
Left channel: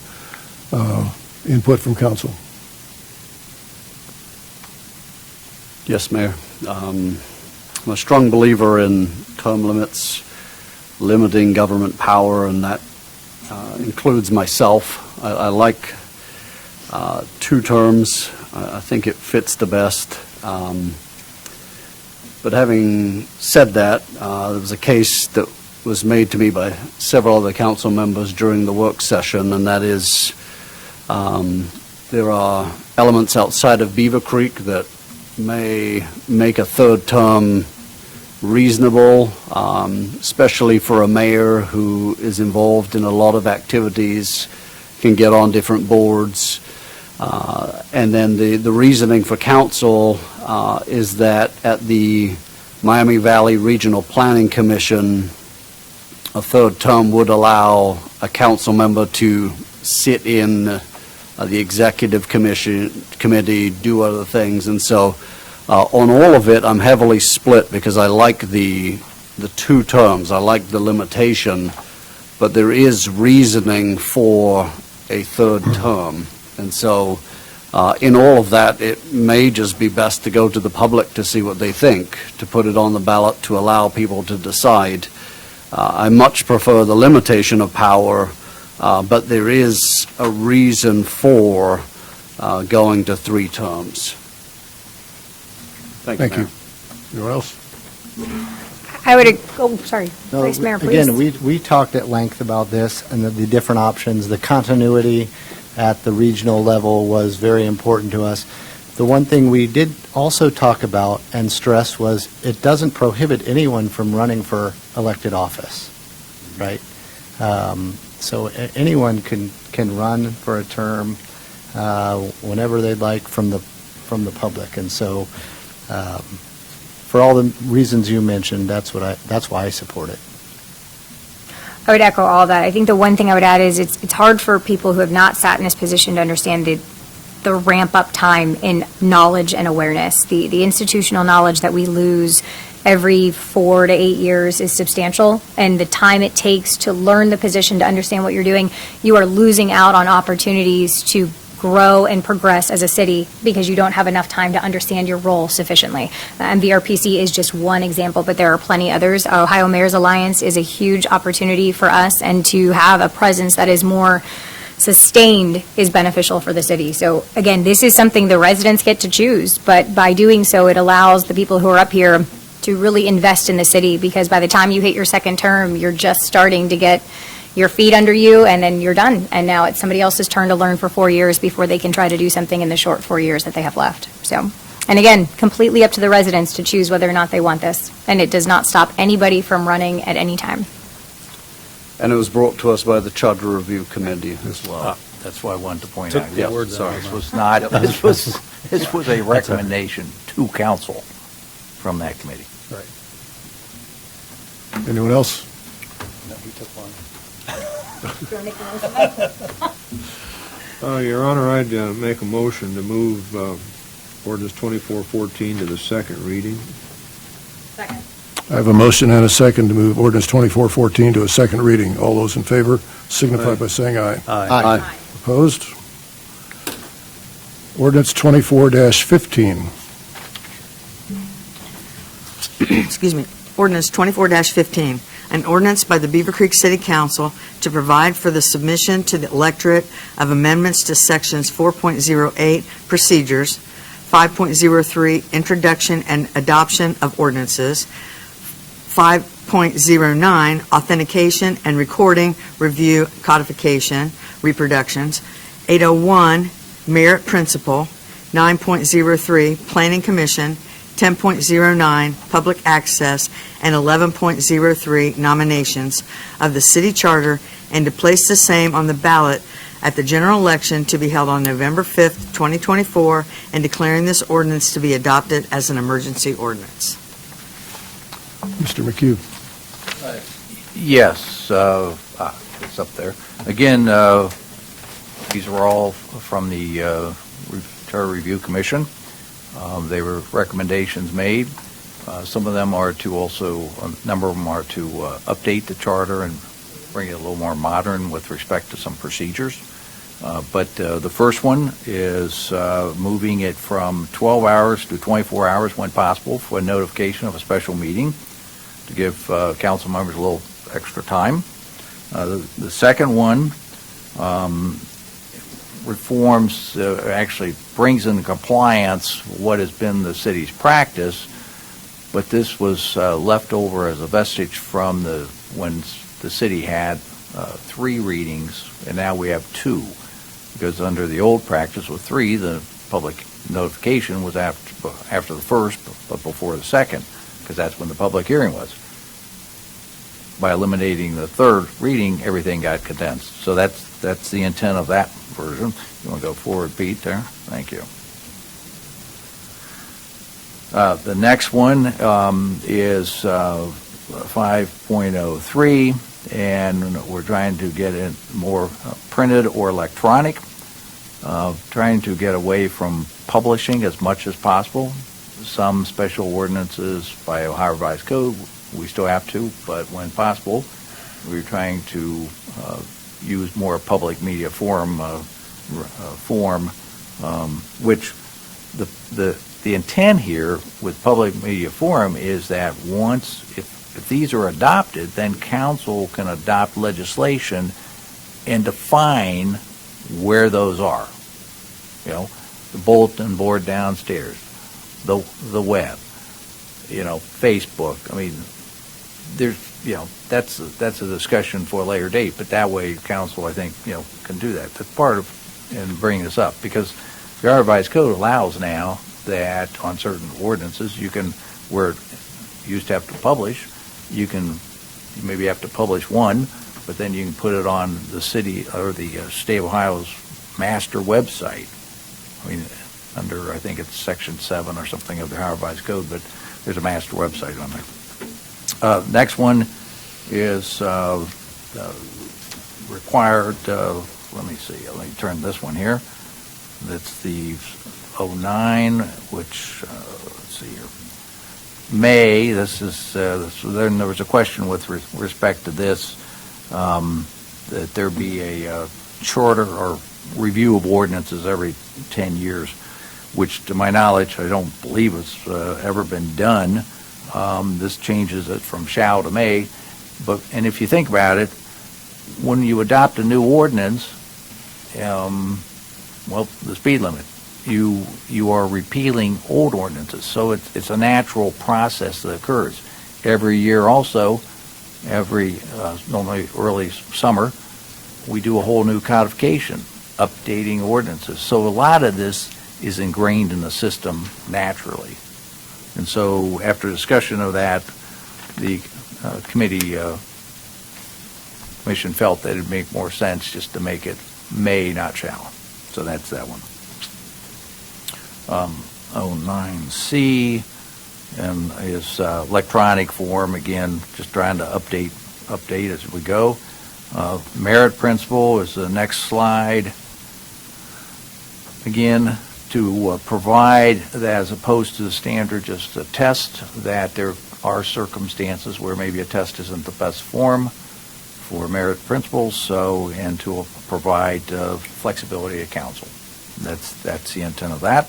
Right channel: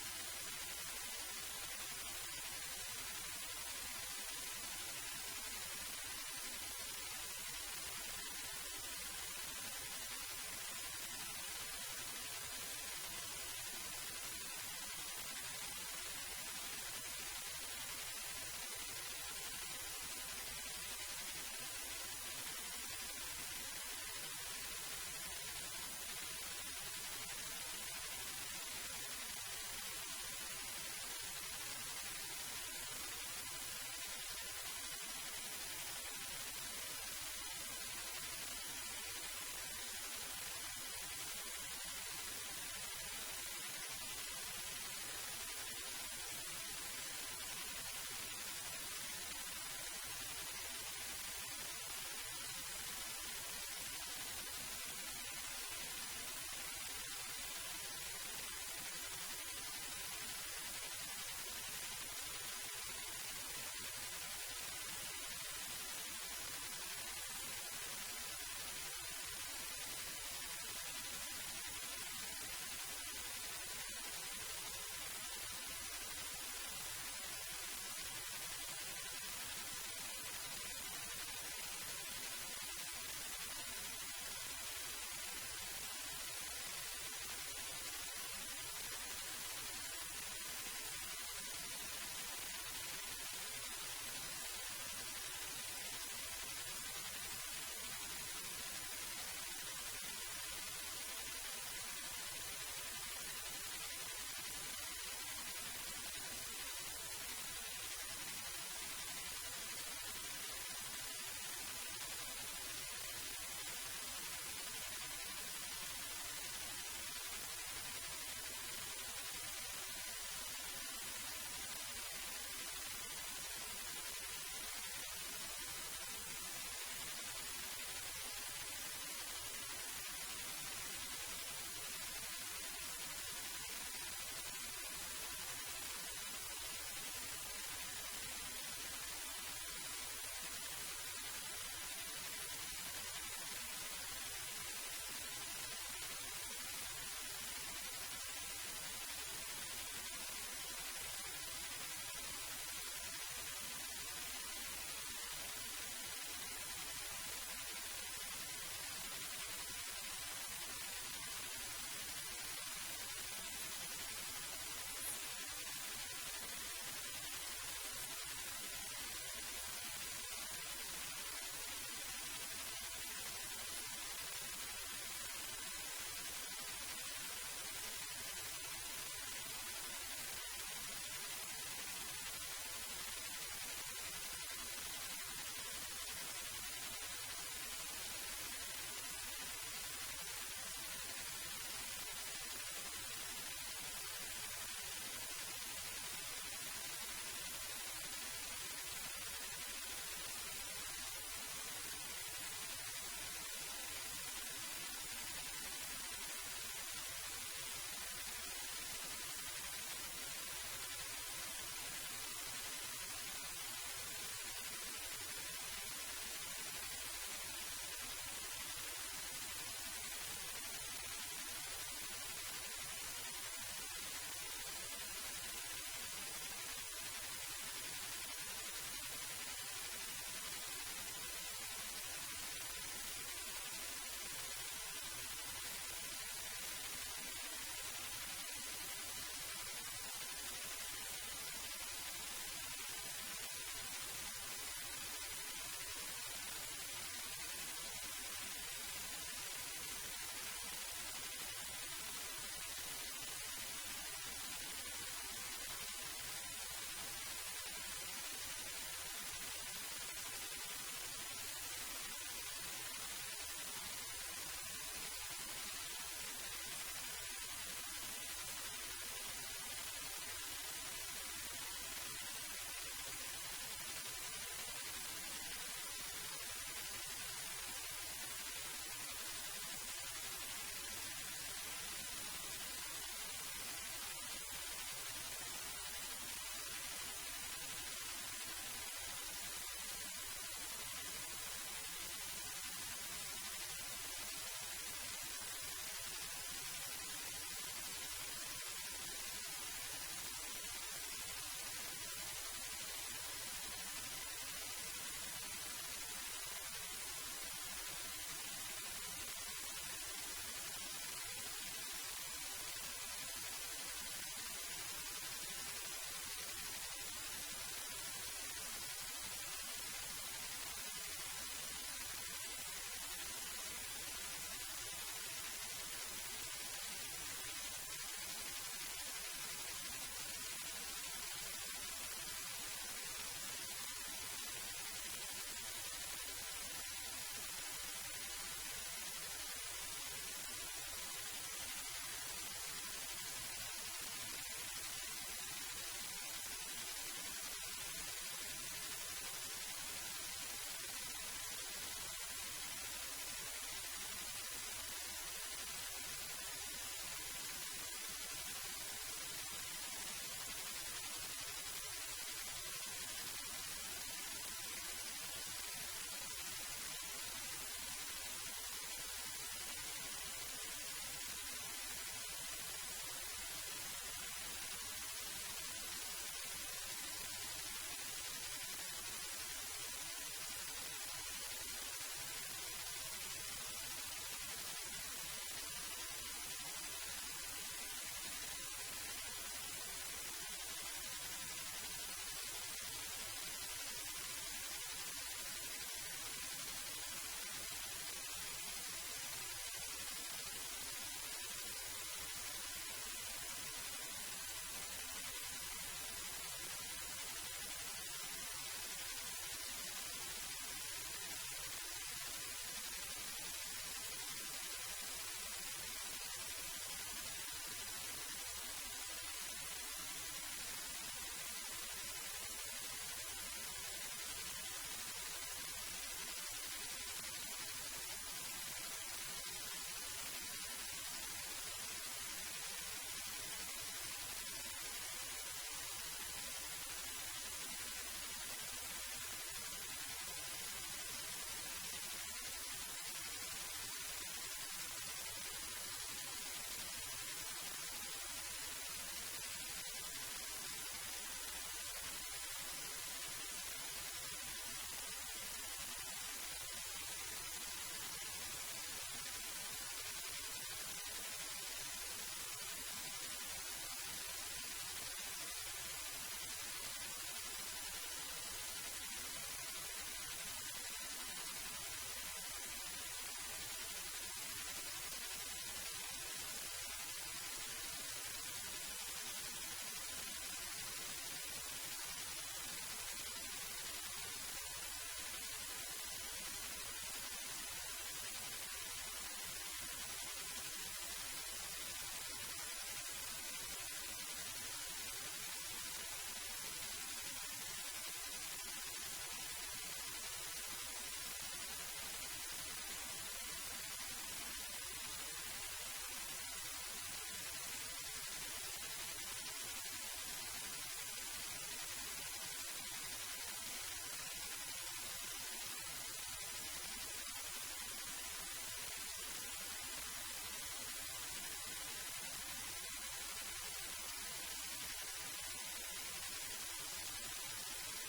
Input from council. Yes, Mayor. I'm a strong believer in term limits, limiting government power, and that includes myself. I like 2 terms. I think it fits the best. But having said that, there was a case that was made to me by several other council members during the work session, and that is there are elements outside of Beavercreek that may make a 3rd term reasonable, especially for a mayor who is involved in a lot of activities, can get on different boards. And then the reasoning for council is that at the Miami Valley Regional Planning Commission, a 3rd term would allow a council member to sit in the executive committee, do other things. And so on all of it, I'm heavily split because I like the 2 terms. I like the limitation, but there is reasoning for a third term. And so in all of that, it may just be best to go to the public to see what they think, to put it on the ballot, to allow people to decide. I much prefer the limitation of power, but there is a reason for going to 3 terms. Thank you, Thank you. Anyone else? I would, sorry, No, Vice Mayor, please. Again, we talked at length about this and the different options. The continuity at the regional level was very important to us. The one thing we did also talk about and stress was it doesn't prohibit anyone from running for elected office, right? So anyone can run for a term whenever they'd like from the public. And so for all the reasons you mentioned, that's why I support it. I would echo all that. I think the one thing I would add is it's hard for people who have not sat in this position to understand the ramp-up time in knowledge and awareness. The institutional knowledge that we lose every 4 to 8 years is substantial, and the time it takes to learn the position, to understand what you're doing, you are losing out on opportunities to grow and progress as a city because you don't have enough time to understand your role sufficiently. And VRPC is just one example, but there are plenty others. Ohio Mayor's Alliance is a huge opportunity for us, and to have a presence that is more sustained is beneficial for the city. So again, this is something the residents get to choose, but by doing so, it allows the people who are up here to really invest in the city, because by the time you hit your second term, you're just starting to get your feet under you, and then you're done. And now it's somebody else's turn to learn for 4 years before they can try to do something in the short 4 years that they have left. So, and again, completely up to the residents to choose whether or not they want this. And it does not stop anybody from running at any time. And it was brought to us by the Charter Review Committee as well. That's why I wanted to point Took out. the Yes, words out sorry, of this my was not, this was a recommendation to council from that committee. Anyone else? No, he took one. Your Honor, I'd make a motion to move ordinance 2414 to the second reading. Second. I have a motion and a second to move ordinance 2414 to a second reading. All those in favor signify by saying aye. Aye. Opposed? Ordinance 24-15. Excuse me, ordinance 24-15, an ordinance by the Beavercreek City Council to provide for the submission to the electorate of amendments to sections 4.08 procedures, 5.03 introduction and adoption of ordinances, 5.09 authentication and recording, review, codification, reproductions, 801 merit principle, 9.03 planning commission, 10.09 public access, and 11.03 nominations of the city charter, and to place the same on the ballot at the general election to be held on November 5th, 2024, and declaring this ordinance to be adopted as an emergency ordinance. Mr. McHugh. Yes, it's up there. Again, these were all from the Charter Review Commission. They were recommendations made. Some of them are to also, a number of them are to update the charter and bring it a little more modern with respect to some procedures. But the first one is moving it from 12 hours to 24 hours when possible for notification of a special meeting to give council members a little extra time. The second one reforms, actually brings into compliance what has been the city's practice, but this was left over as a vestige from when the city had 3 readings, and now we have 2. Because under the old practice with 3, the public notification was after the first, but before the second, because that's when the public hearing was. By eliminating the 3rd reading, everything got condensed. So that's the intent of that version. You want to go forward, Pete, there? Thank you. The next one is 5.03, and we're trying to get it more printed or electronic, trying to get away from publishing as much as possible. Some special ordinances by Ohio Revised Code, we still have to, but when possible, We were trying to use more public media forum, which the intent here with public media forum is that once, if these are adopted, then council can adopt legislation and define where those are. You know, the bulletin board downstairs, the web, Facebook. I mean, there's, that's a discussion for a later date, but that way council, I think, can do that. That's part of, and bringing this up, because the Revised Code allows now that on certain ordinances, you can, where it used to have to publish, you maybe have to publish one, but then you can put it on the city or the state of Ohio's master website. I mean, under, I think it's Section 7 or something of the Ohio Revised Code, but there's a master website on there. Next one is required, let me see, let me turn this one here. That's the 09, which, let's see here. May, this is, then there was a question with respect to this, that there be a charter or review of ordinances every 10 years, which to my knowledge, I don't believe has ever been done. This changes it from shall to may. And if you think about it, when you adopt a new ordinance, well, the speed limit, you are repealing old ordinances. So it's a natural process that occurs. Every year also, normally early summer, we do a whole new codification, updating ordinances. So a lot of this is ingrained in the system naturally. And so after discussion of that, the commission felt that it'd make more sense just to make it may, not shall. So that's that one. 09C and is electronic form, again, just trying to update as we go. Merit principle is the next slide. Again, to provide that as opposed to the standard just a test, that there are circumstances where maybe a test isn't the best form for merit principles, and to provide flexibility to council. That's the intent of that.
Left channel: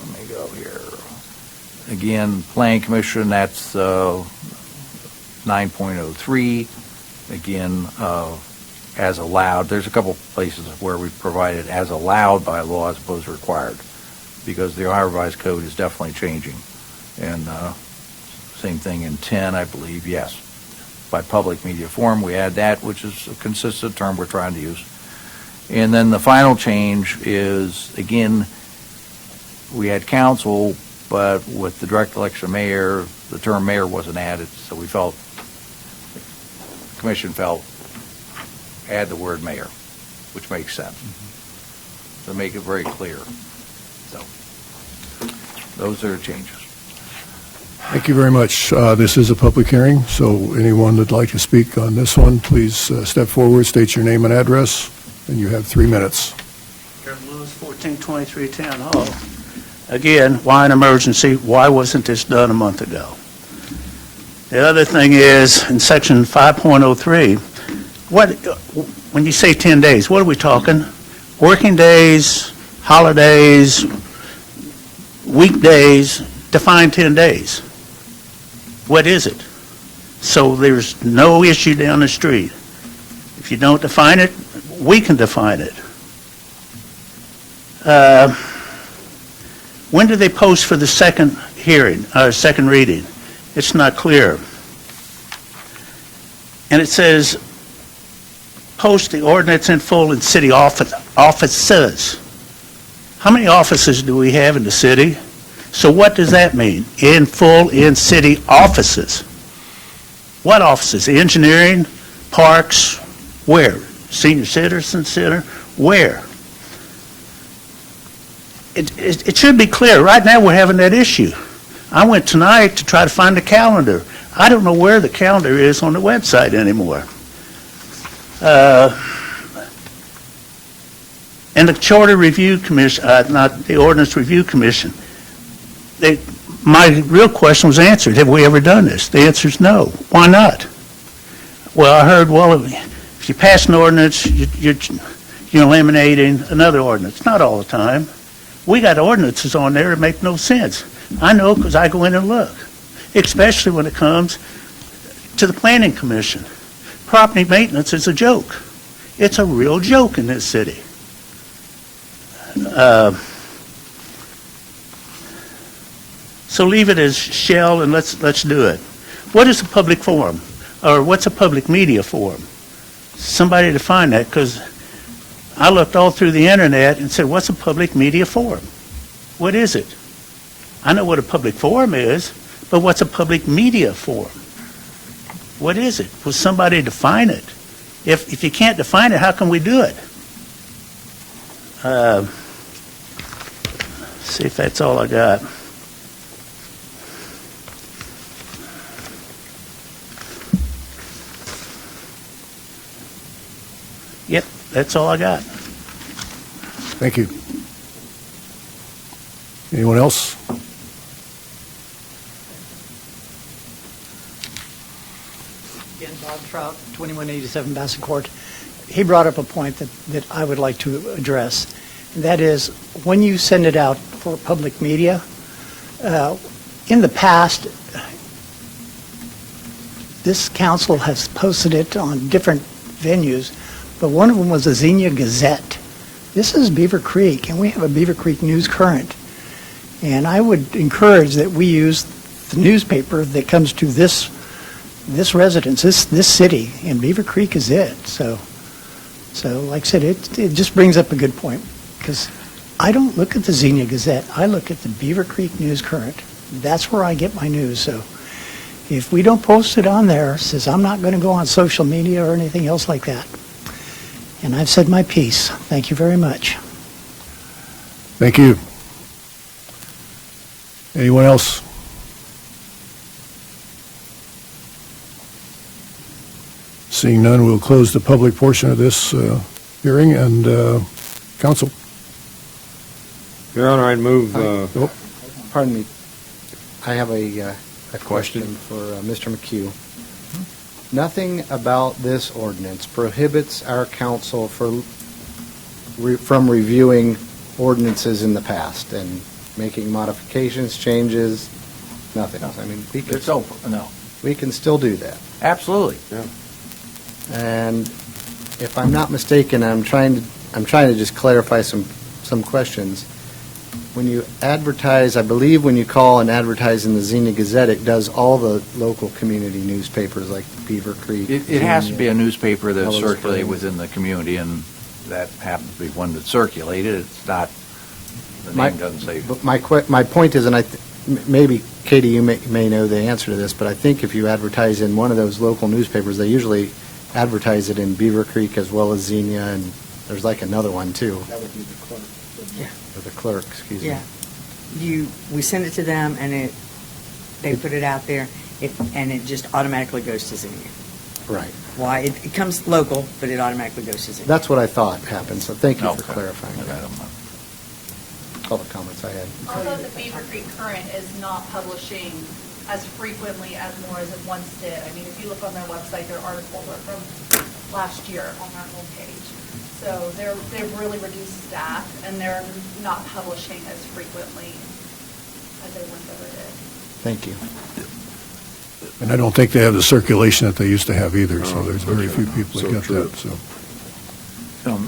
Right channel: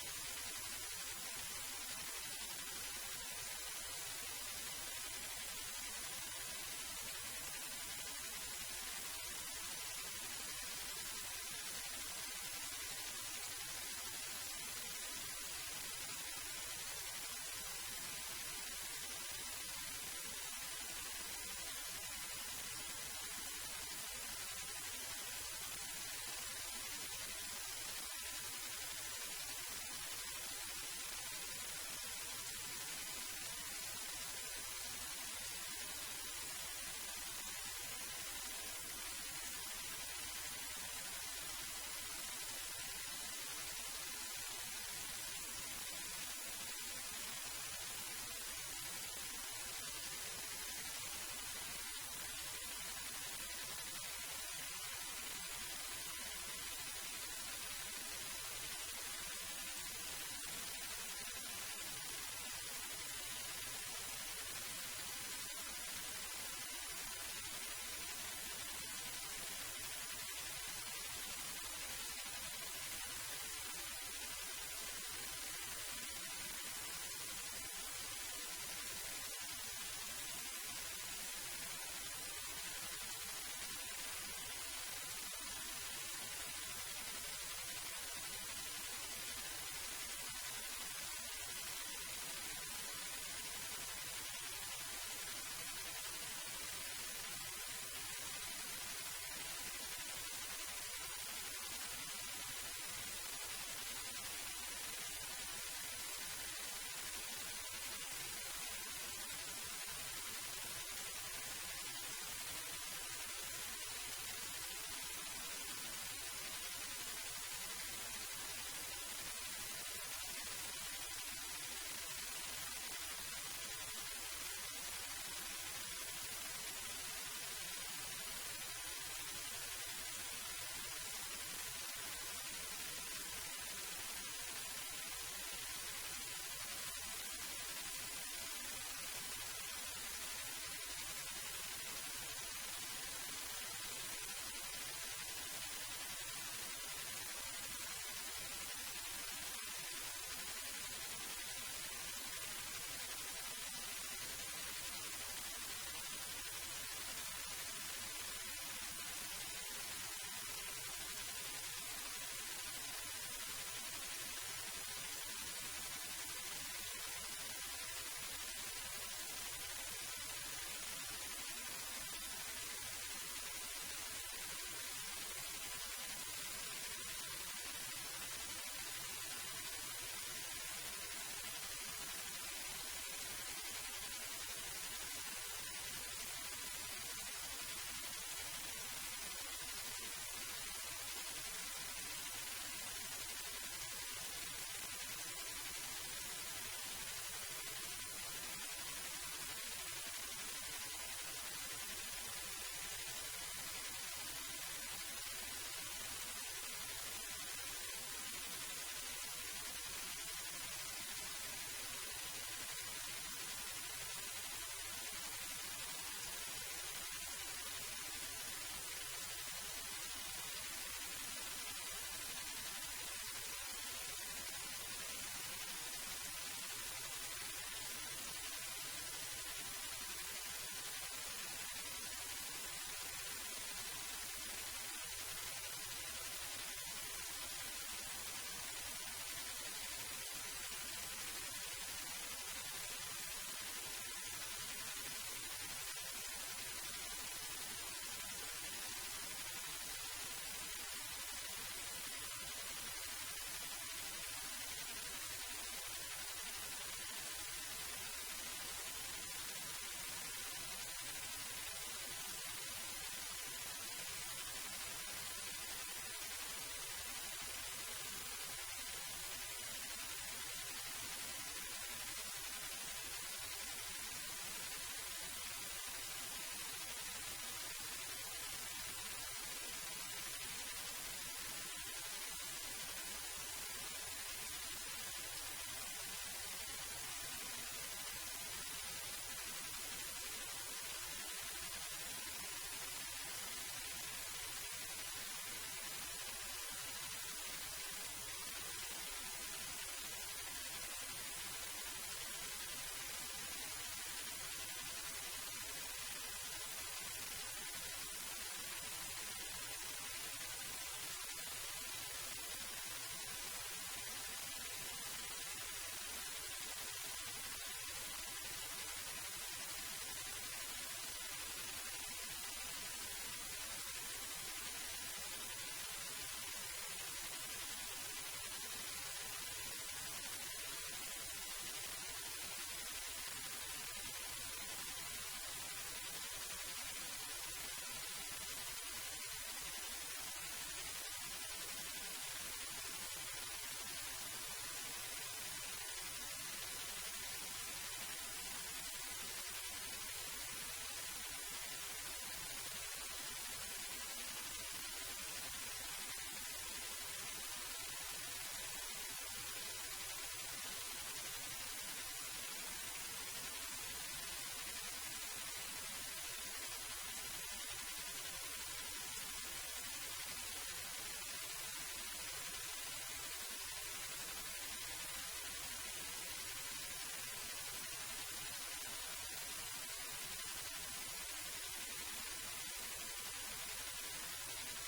Let me go here. Again, Planning Commission, that's 9.03. Again, as allowed. There's a couple places where we provided as allowed by law as opposed to required, because the Ohio Revised Code is definitely changing. And same thing in 10, I believe, yes. By public media forum, we add that, which is a consistent term we're trying to use. And then the final change is, again, we had council, but with the direct election of mayor, the term mayor wasn't added, so we felt, the commission felt, add the word mayor, which makes sense. To make it very clear. So, those are the changes. Thank you very much. This is a public hearing, so anyone that'd like to speak on this one, please step forward, state your name and address, and you have 3 minutes. Kevin Lewis, 1423 Town Hall. Again, why an emergency? Why wasn't this done a month ago? The other thing is, in section 5.03, when you say 10 days, what are we talking? Working days, holidays, weekdays, define 10 days. What is it? So there's no issue down the street. If you don't define it, we can define it. When do they post for the second hearing, second reading? It's not clear. And it says, post the ordinance in full in city offices. How many offices do we have in the city? So what does that mean? In full in city offices. What offices? Engineering, parks, where? Senior Citizen Center, where? It should be clear. Right now we're having that issue. I went tonight to try to find the calendar. I don't know where the calendar is on the website anymore. And the Charter Review Commission, not the Ordinance Review Commission, my real question was answered. Have we ever done this? The answer is no. Why not? Well, I heard, well, if you pass an ordinance, you're eliminating another ordinance. Not all the time. We got ordinances on there that make no sense. I know because I go in and look, especially when it comes to the Planning Commission. Property maintenance is a joke. It's a real joke in this city. So leave it as shall and let's do it. What is a public forum? Or what's a public media forum? Somebody define that, because I looked all through the internet and said, what's a public media forum? What is it? I know what a public forum is, but what's a public media forum? What is it? Will somebody define it? If you can't define it, how can we do it? See if that's all I got. Yep, that's all I got. Thank you. Anyone else? Again, Bob Trout, 2187 Bassett Court. He brought up a point that I would like to address. And that is, when you send it out for public media, in the past, this council has posted it on different venues, but one of them was the Xenia Gazette. This is Beavercreek, and we have a Beavercreek News Current. And I would encourage that we use the newspaper that comes to this residence, this city, and Beavercreek is it. So like I said, it just brings up a good point, because I don't look at the Xenia Gazette. I look at the Beavercreek News Current. That's where I get my news. So if we don't post it on there, it says I'm not going to go on social media or anything else like that. And I've said my piece. Thank you very much. Thank you. Anyone else? Seeing none, we'll close the public portion of this hearing, and council. Your Honor, I'd move, Pardon me. I have a question for Mr. McHugh. Nothing about this ordinance prohibits our council from reviewing ordinances in the past and making modifications, changes, nothing. I mean, It's open, no. we can still do that. Absolutely. And if I'm not mistaken, I'm trying to just clarify some questions. When you advertise, I believe when you call and advertise in the Xenia Gazette, it does all the local community newspapers like Beavercreek. It has to be a newspaper that's Mellow circulated Springs. within the community, and that happens to be one that's circulated. It's not, the My- name doesn't say. But my point is, and maybe, Katie, you may know the answer to this, but I think if you advertise in one of those local newspapers, they usually advertise it in Beavercreek as well as Xenia, and there's like another one, too. That would be the clerk. Yeah. Or the clerk, excuse me. Yeah. We send it to them, and they put it out there, and it just automatically goes to Xenia. Right. Why? It comes local, but it automatically goes to Xenia. That's what I thought happened, so thank you for Okay. clarifying Okay, I that. don't know. All the comments I had. Although the Beavercreek Current is not publishing as frequently as more as it once did. I mean, if you look on their website, their articles are from last year on their homepage. So they've really reduced staff, and they're not publishing as frequently as they once ever did. Thank you. And I don't think they have the circulation that they used to have either, so there's very few people that So get true. that, so.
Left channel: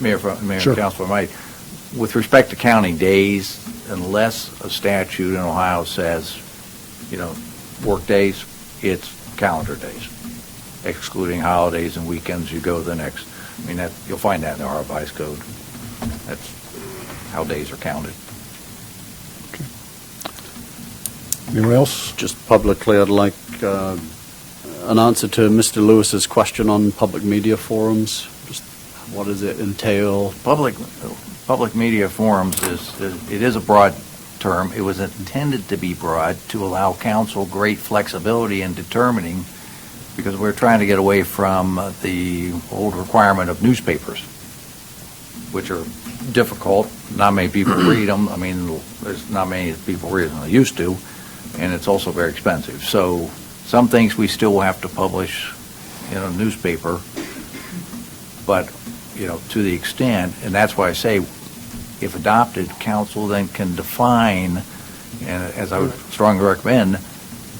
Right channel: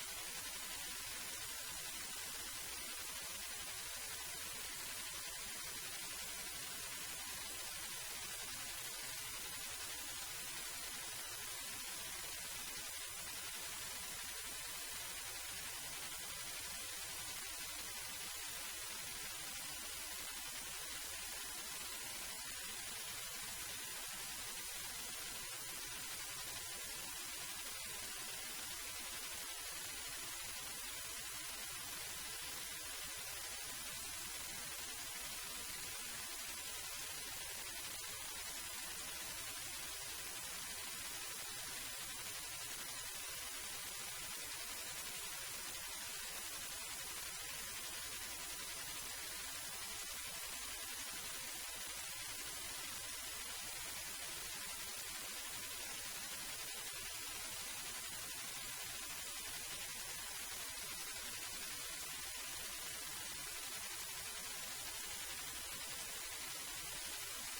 Mayor Sure. and Councilor, with respect to counting days, unless a statute in Ohio says, work days, it's calendar days. Excluding holidays and weekends, you go the next. I mean, you'll find that in the revised code. That's how days are counted. Anyone else? Just publicly, I'd like an answer to Mr. Lewis's question on public media forums. Just what does it entail? Public media forums it is a broad term. It was intended to be broad to allow council great flexibility in determining, because we're trying to get away from the old requirement of newspapers. which are difficult. Not many people read them. I mean, there's not many people read them than they used to, and it's also very expensive. So some things we still have to publish in a newspaper, but, to the extent, and that's why I say, if adopted, council then can define, and as I would strongly recommend,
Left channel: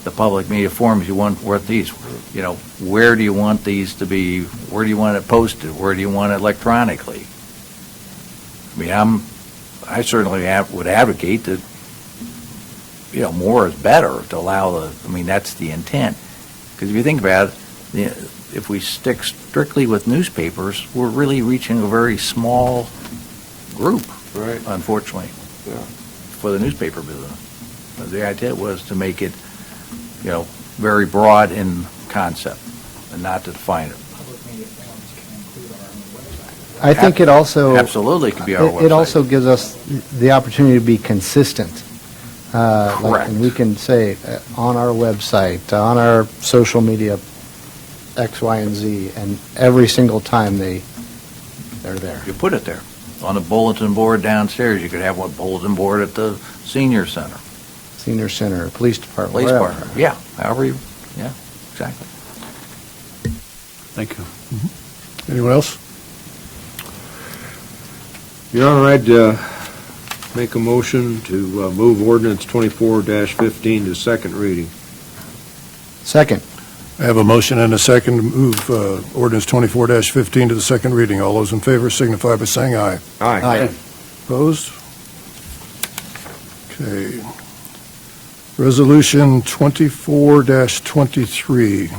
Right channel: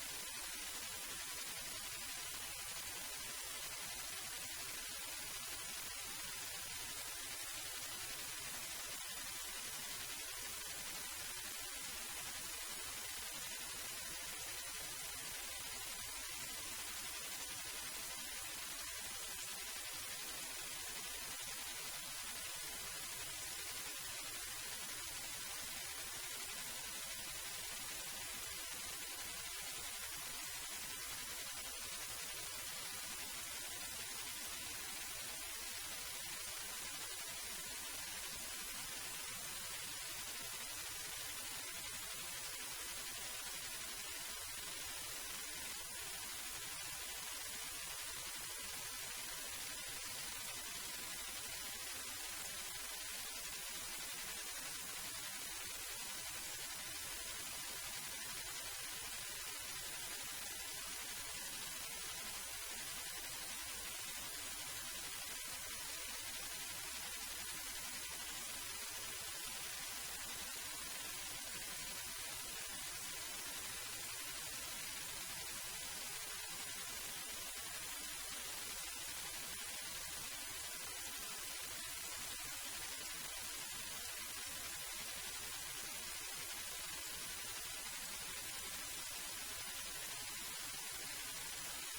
the public media forms you want these. Where do you want these to be? Where do you want it posted? Where do you want it electronically? I mean, I certainly would advocate that, more is better to allow that's the intent. Because if you think about it, if we stick strictly with newspapers, we're really reaching a very small group, Right. unfortunately, Yeah. for the newspaper business. The idea was to make it, very broad in concept and not to define it. I think it also... Absolutely could be our website. It also gives us the opportunity to be consistent. Correct. And we can say on our website, on our social media, X, Y, and Z, and every single time they're there. You put it there. On the bulletin board downstairs, you could have one bulletin board at the senior center. Senior Center, Police Department, Police wherever. department, yeah, however you, yeah, exactly. Thank you. Anyone else? Your Honor, I'd make a motion to move ordinance 24-15 to second reading. Second. I have a motion and a second to move ordinance 24-15 to the second reading. All those in favor signify by saying aye. Aye. Opposed? Okay. Resolution 24-23.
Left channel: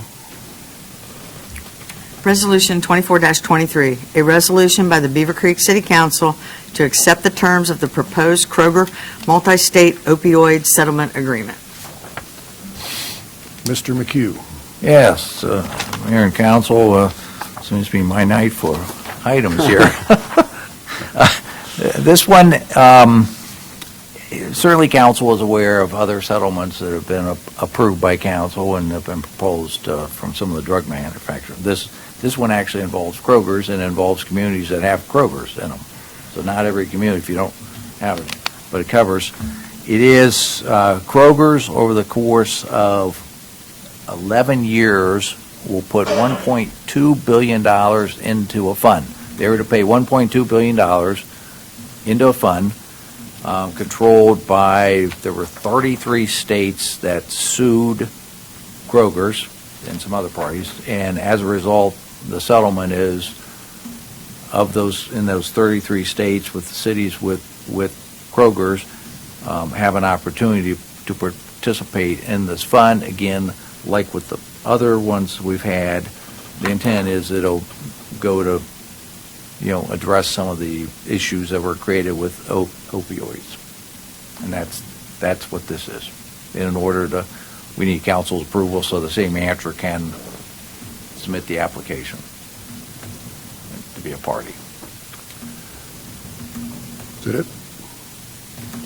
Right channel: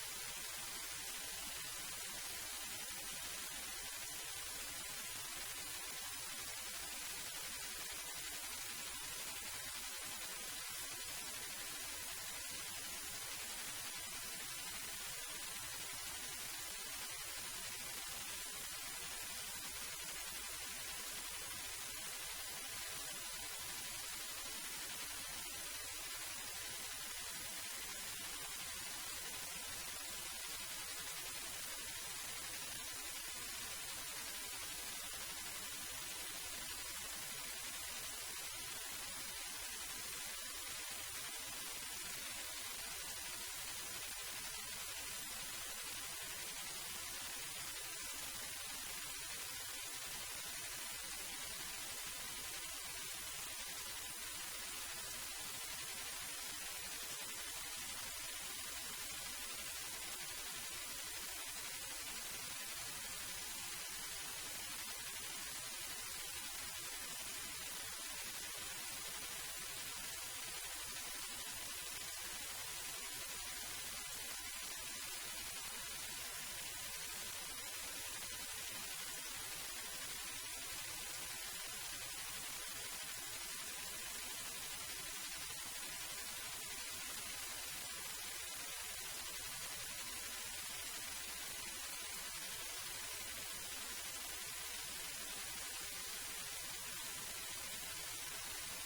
Resolution 24-23, a resolution by the Beavercreek City Council to accept the terms of the proposed Kroger multi-state opioid settlement agreement. Mr. McHugh. Yes, Mayor and Council, seems to be my night for items here. This one, certainly Council is aware of other settlements that have been approved by Council and have been proposed from some of the drug manufacturers. This one actually involves Kroger's and involves communities that have Kroger's in them. So not every community, if you don't have it, but it covers. It is Kroger's over the course of 11 years will put $1.2 billion into a fund. They were to pay $1.2 billion into a fund controlled by, there were 33 states that sued Kroger's and some other parties, and as a result, the settlement is of those, in those 33 states with the cities with Kroger's, have an opportunity to participate in this fund. Again, like with the other ones we've had, the intent is it'll go to, address some of the issues that were created with opioids. And that's what this is. In order to, we need council's approval so the city manager can submit the application to be a party. Is that it?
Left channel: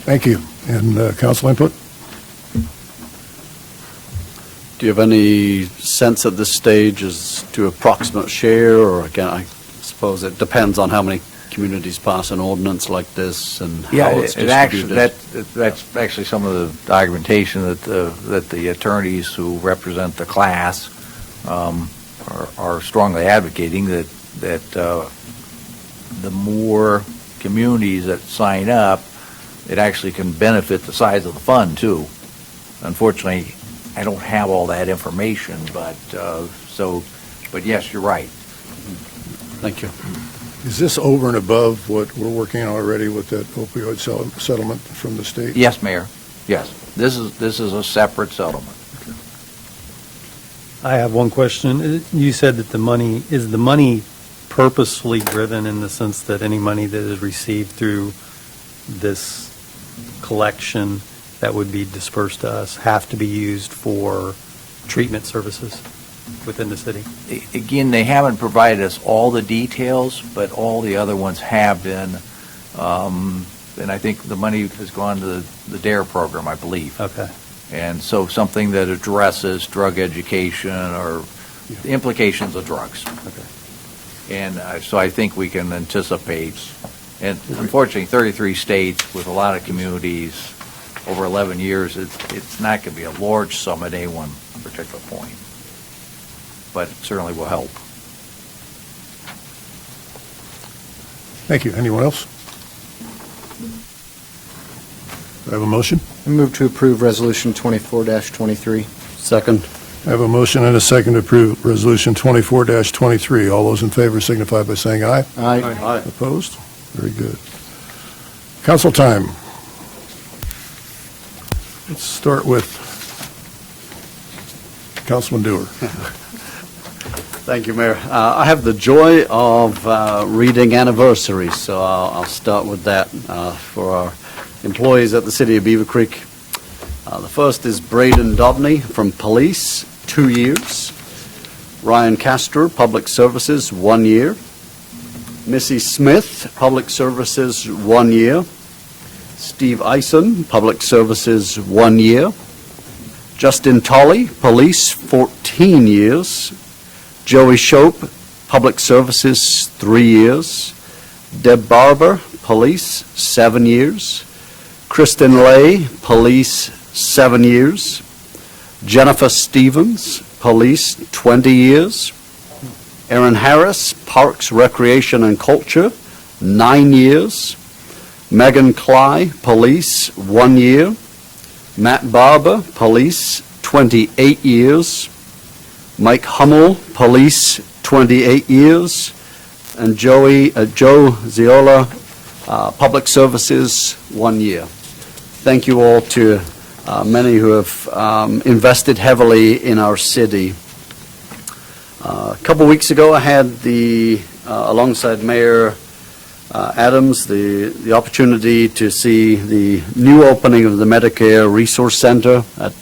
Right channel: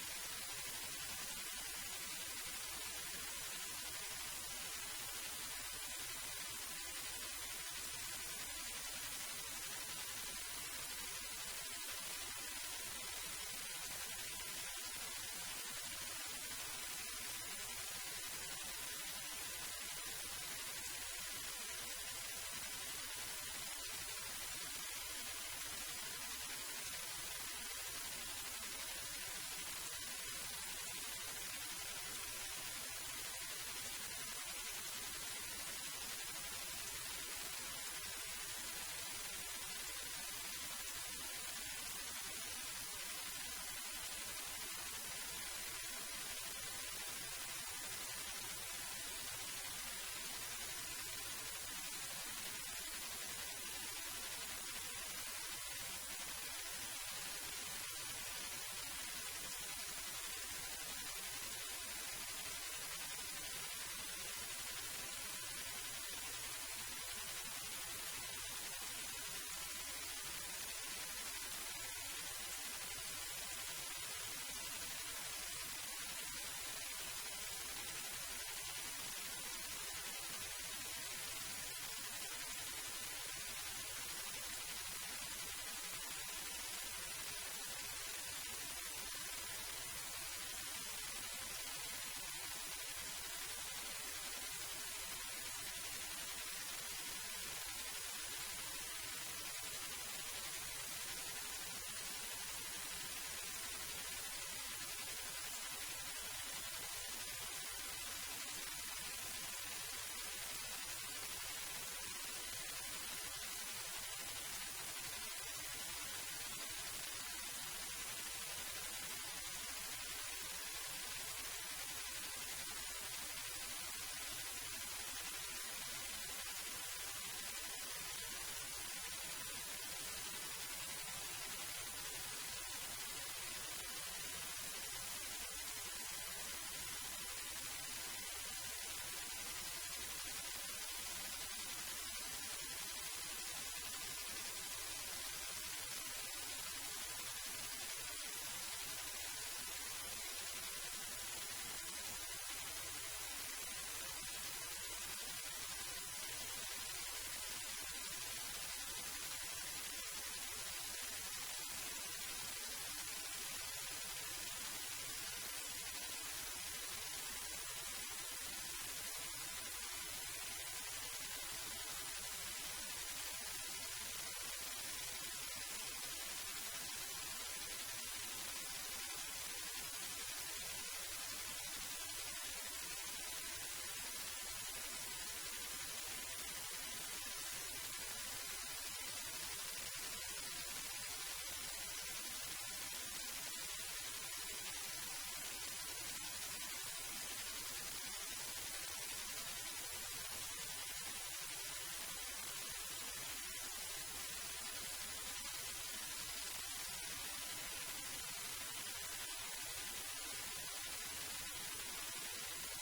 Thank you. And council input? Do you have any sense at this stage as to approximate share, or again, I suppose it depends on how many communities pass an ordinance like this and how it's distributed? That's actually some of the documentation that the attorneys who represent the class are strongly advocating that the more communities that sign up, it actually can benefit the size of the fund too. Unfortunately, I don't have all that information, but yes, you're right. Thank you. Is this over and above what we're working on already with that opioid settlement from the state? Yes, Mayor. Yes. This is a separate settlement. I have one question. You said that the money purposely driven in the sense that any money that is received through this collection that would be dispersed to us have to be used for treatment services within the city? Again, they haven't provided us all the details, but all the other ones have been. And I think the money has gone to the DARE program, I believe. Okay. And so something that addresses drug education or the implications of drugs. Okay. And so I think we can anticipate And unfortunately, 33 states with a lot of communities over 11 years, it's not going to be a large sum at any one particular point. But it certainly will help. Thank you. Anyone else? Do I have a motion? I move to approve Resolution 24-23. Second. I have a motion and a second to approve Resolution 24-23. All those in favor signify by saying aye. Aye. Aye. Opposed? Very good. Council time. Let's start with Councilman Dewar. Thank you, Mayor. I have the joy of reading anniversaries, so I'll start with that for our employees at the City of Beavercreek. The first is Braden Dobney from Police, 2 years. Ryan Castor, Public Services, 1 year. Missy Smith, Public Services, 1 year. Steve Eisen, Public Services, 1 year. Justin Tolley, Police, 14 years. Joey Shope, Public Services, 3 years. Deb Barber, Police, 7 years. Kristen Lay, Police, 7 years. Jennifer Stevens, Police, 20 years. Aaron Harris, Parks, Recreation, and Culture, 9 years. Megan Cly, Police, 1 year. Matt Barber, Police, 28 years. Mike Hummel, Police, 28 years. And Joe Ziola, Public Services, 1 year. Thank you all to many who have invested heavily in our city. A couple weeks ago, I had alongside Mayor Adams, the opportunity to see the new opening of the Medicare Resource Center at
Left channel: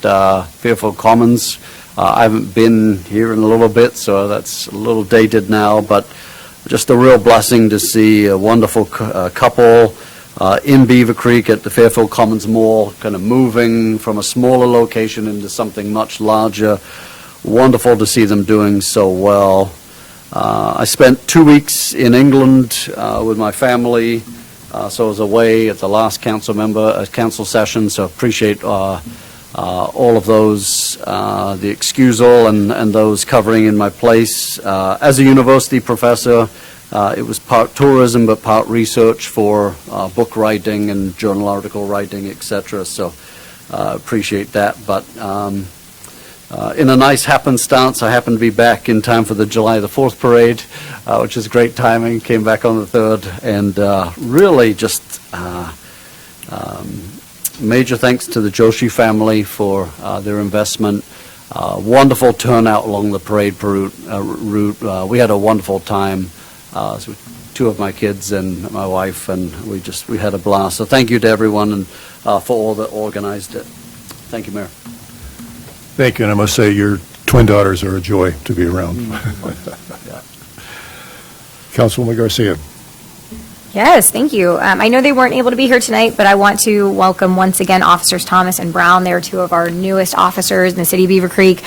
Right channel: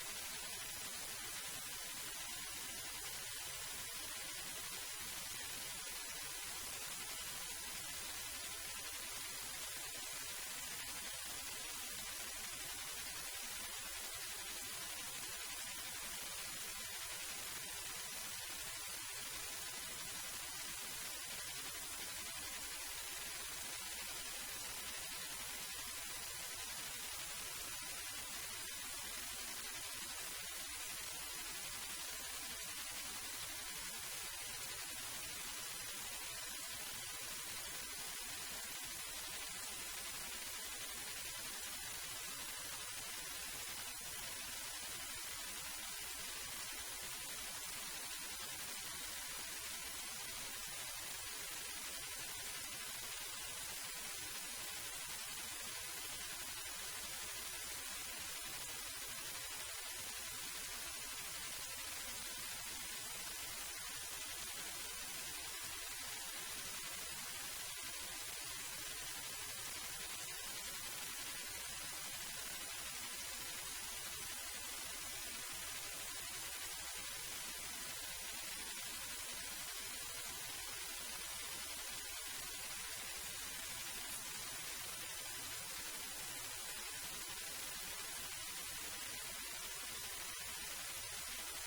Fairfield Commons. I haven't been here in a little bit, so that's a little dated now, but just a real blessing to see a wonderful couple in Beavercreek at the Fairfield Commons Mall, kind of moving from a smaller location into something much larger. Wonderful to see them doing so well. I spent 2 weeks in England with my family, so I was away at the last council session, so appreciate all of those, the excusal and those covering in my place. As a university professor, it was part tourism but part research for book writing and journal article writing, etc. So appreciate that. But in a nice happenstance, I happened to be back in time for the July the 4th parade, which is great timing. Came back on the 3rd, and really just major thanks to the Joshi family for their investment. Wonderful turnout along the parade route. We had a wonderful time. So 2 of my kids and my wife, and we had a blast. So thank you to everyone and for all that organized it. Thank you, Mayor. Thank you, and I must say your twin daughters are a joy to be around. Councilwoman Garcia. Yes, thank you. I know they weren't able to be here tonight, but I want to welcome once again Officers Thomas and Brown. They're 2 of our newest officers in the city of Beavercreek.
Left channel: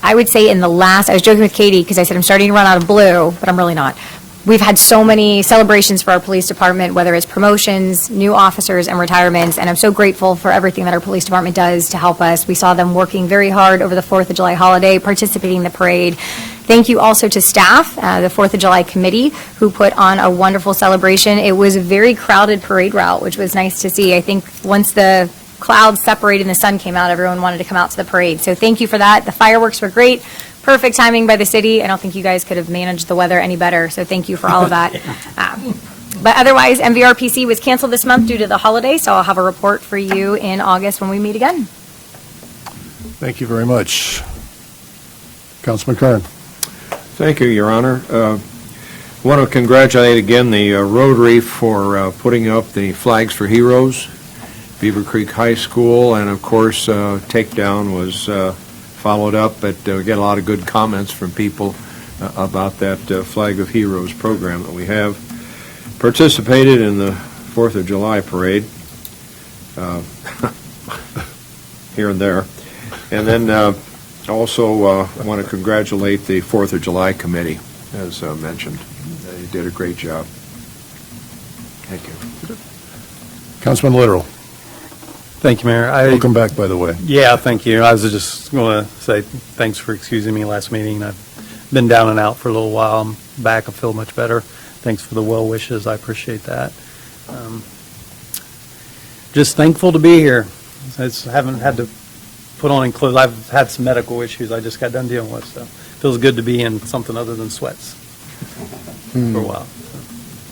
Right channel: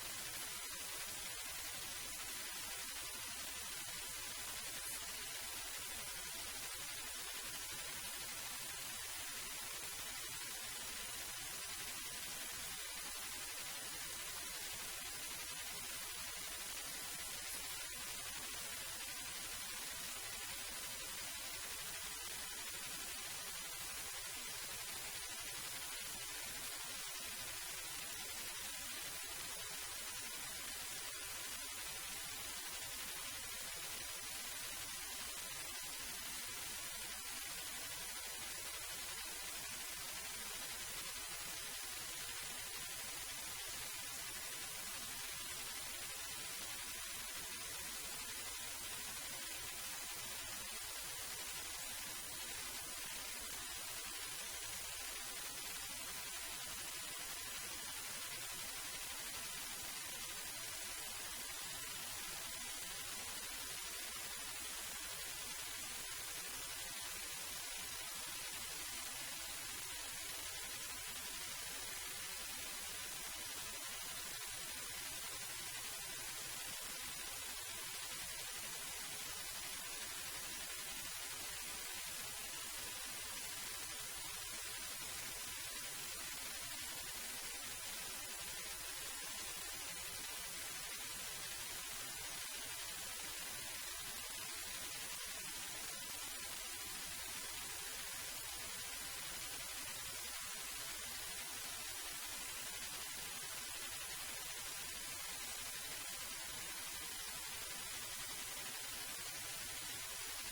I would say I was joking with Katie because I said I'm starting to run out of blue, but I'm really not. We've had so many celebrations for our police department, whether it's promotions, new officers, and retirements, and I'm so grateful for everything that our police department does to help us. We saw them working very hard over the 4th of July holiday, participating in the parade. Thank you also to staff, the 4th of July committee, who put on a wonderful celebration. It was a very crowded parade route, which was nice to see. I think once the clouds separated and the sun came out, everyone wanted to come out to the parade. So thank you for that. The fireworks were great. Perfect timing by the city. I don't think you guys could have managed the weather any better, so thank you for all of that. But otherwise, MVRPC was canceled this month due to the holiday, so I'll have a report for you in August when we meet again. Thank you very much. Councilman Kern. Thank you, Your Honor. I want to congratulate again the Rotary for putting up the Flags for Heroes, Beavercreek High School, and of course, Takedown was followed up, but we get a lot of good comments from people about that Flag of Heroes program that we have. Participated in the 4th of July parade here and there. And then also want to congratulate the 4th of July committee, as mentioned. They did a great job. Thank you. Councilman Literal, Thank you, Mayor. welcome back, by the way. Yeah, thank you. I was just going to say thanks for excusing me last meeting. I've been down and out for a little while. I'm back. I feel much better. Thanks for the well wishes. I appreciate that. Just thankful to be here. I just haven't had to put on any clothes. I've had some medical issues I just got done dealing with, so it feels good to be in something other than sweats for a while. So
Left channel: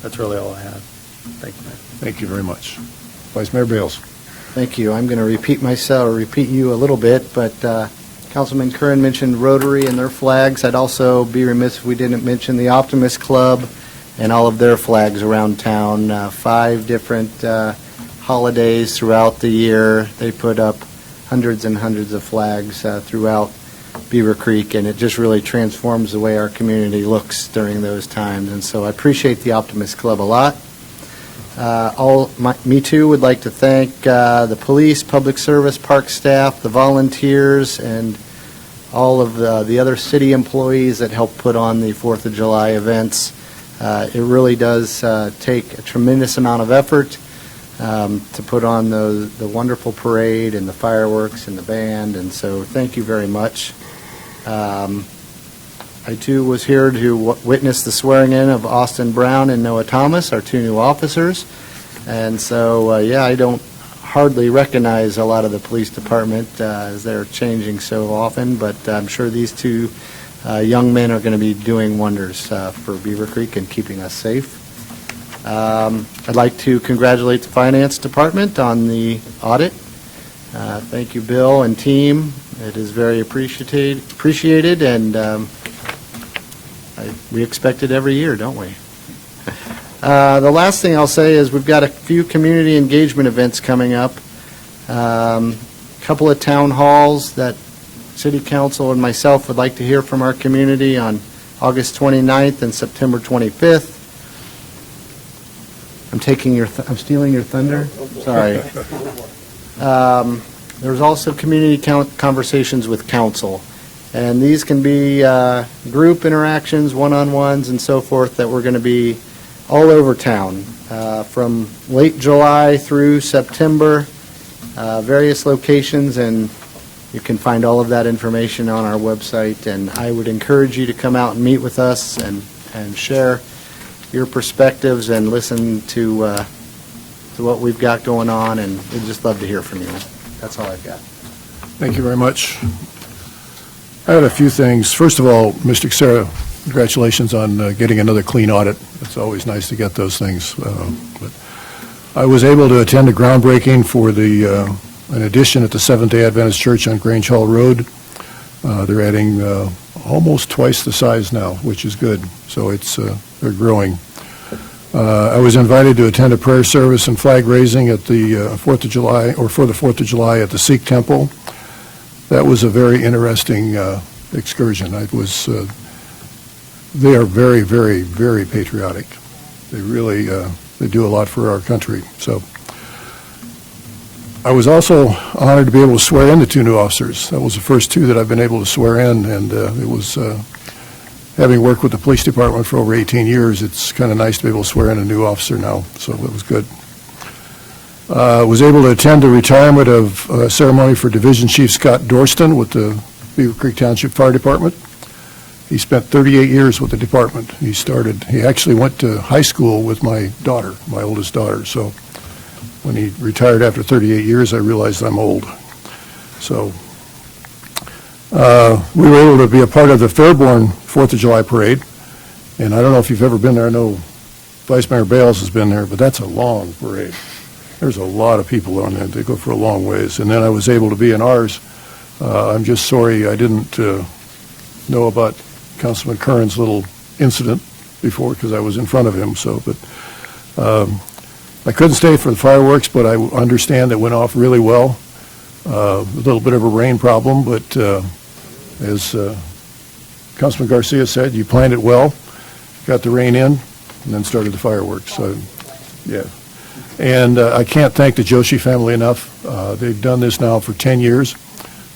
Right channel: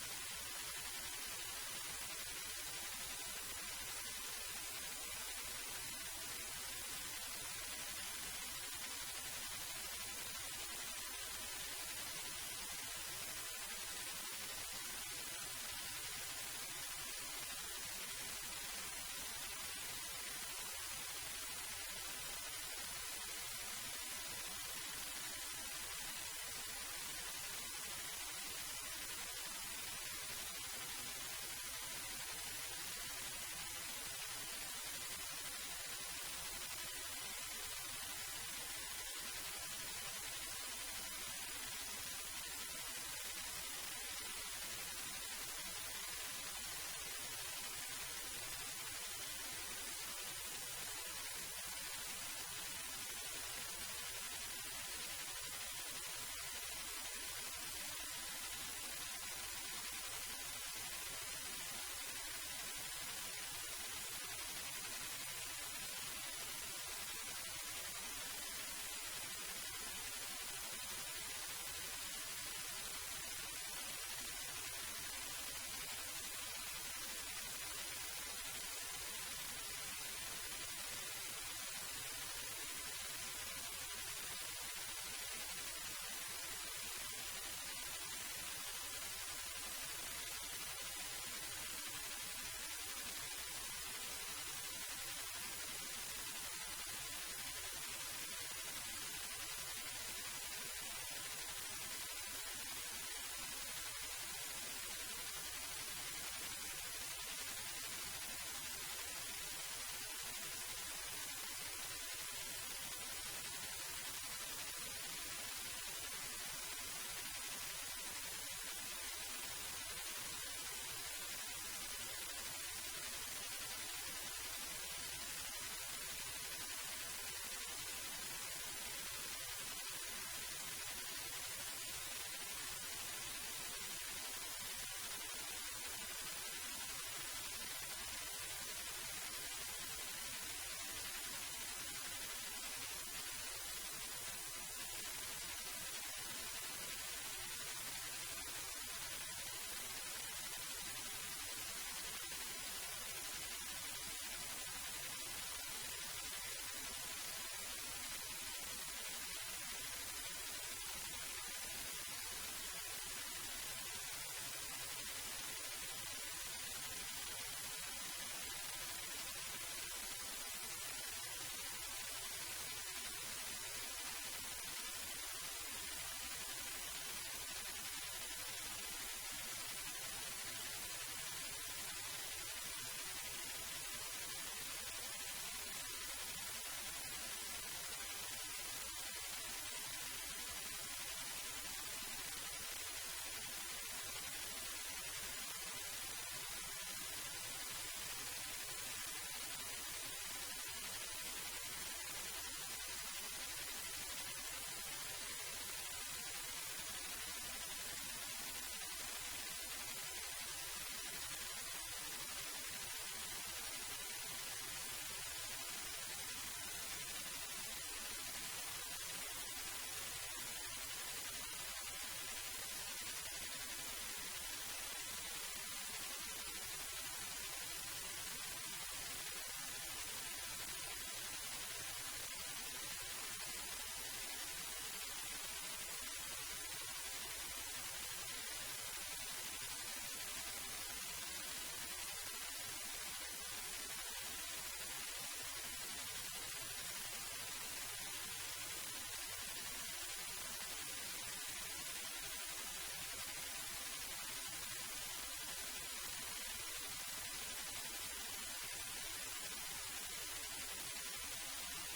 that's really all I have. Thank you, Mayor. Thank you very much. Vice Mayor Bales. Thank you. I'm going to repeat you a little bit, but Councilman Curran mentioned Rotary and their flags. I'd also be remiss if we didn't mention the Optimist Club and all of their flags around town. 5 different holidays throughout the year. They put up hundreds and hundreds of flags throughout Beavercreek, and it just really transforms the way our community looks during those times. And so I appreciate the Optimist Club a lot. Me too would like to thank the police, public service, park staff, the volunteers, and all of the other city employees that help put on the 4th of July events. It really does take a tremendous amount of effort to put on the wonderful parade and the fireworks and the band, and so thank you very much. I too was here to witness the swearing in of Austin Brown and Noah Thomas, our 2 new officers. And so, I don't hardly recognize a lot of the police department as they're changing so often, but I'm sure these 2 young men are going to be doing wonders for Beavercreek and keeping us safe. I'd like to congratulate the Finance Department on the audit. Thank you, Bill and team. It is very appreciated, and we expect it every year, don't we? The last thing I'll say is we've got a few community engagement events coming up. A couple of town halls that City Council and myself would like to hear from our community on August 29th and September 25th. I'm stealing your thunder? Sorry. There's also community conversations with council. And these can be group interactions, one-on-ones, and so forth that we're going to be all over town from late July through September, various locations, and you can find all of that information on our website. And I would encourage you to come out and meet with us and share your perspectives and listen to what we've got going on, and we'd just love to hear from you. That's all I've got. Thank you very much. I had a few things. First of all, Mr. Xera, congratulations on getting another clean audit. It's always nice to get those things. But I was able to attend a groundbreaking for an addition at the Seventh-day Adventist Church on Grange Hall Road. They're adding almost twice the size now, which is good. So they're growing. I was invited to attend a prayer service and flag raising at the 4th of July, or for the 4th of July at the Sikh Temple. That was a very interesting excursion. They are very, very, very patriotic. They really they do a lot for our country. So I was also honored to be able to swear in the 2 new officers. That was the first 2 that I've been able to swear in, and it was, having worked with the police department for over 18 years, it's kind of nice to be able to swear in a new officer now, so it was good. Was able to attend the retirement of ceremony for Division Chief Scott Dorston with the Beavercreek Township Fire Department. He spent 38 years with the department. He actually went to high school with my daughter, my oldest daughter, so when he retired after 38 years, I realized I'm old. So we were able to be a part of the Fairborn 4th of July parade, and I don't know if you've ever been there. I know Vice Mayor Bales has been there, but that's a long parade. There's a lot of people on there. They go for a long ways. And then I was able to be in ours. I'm just sorry I didn't know about Councilman Curran's little incident before because I was in front of him. So, but I couldn't stay for the fireworks, but I understand it went off really well. A little bit of a rain problem, but as Councilman Garcia said, you planned it well, got the rain in, and then started the fireworks. So, yeah. And I can't thank the Joshi family enough. They've done this now for 10 years,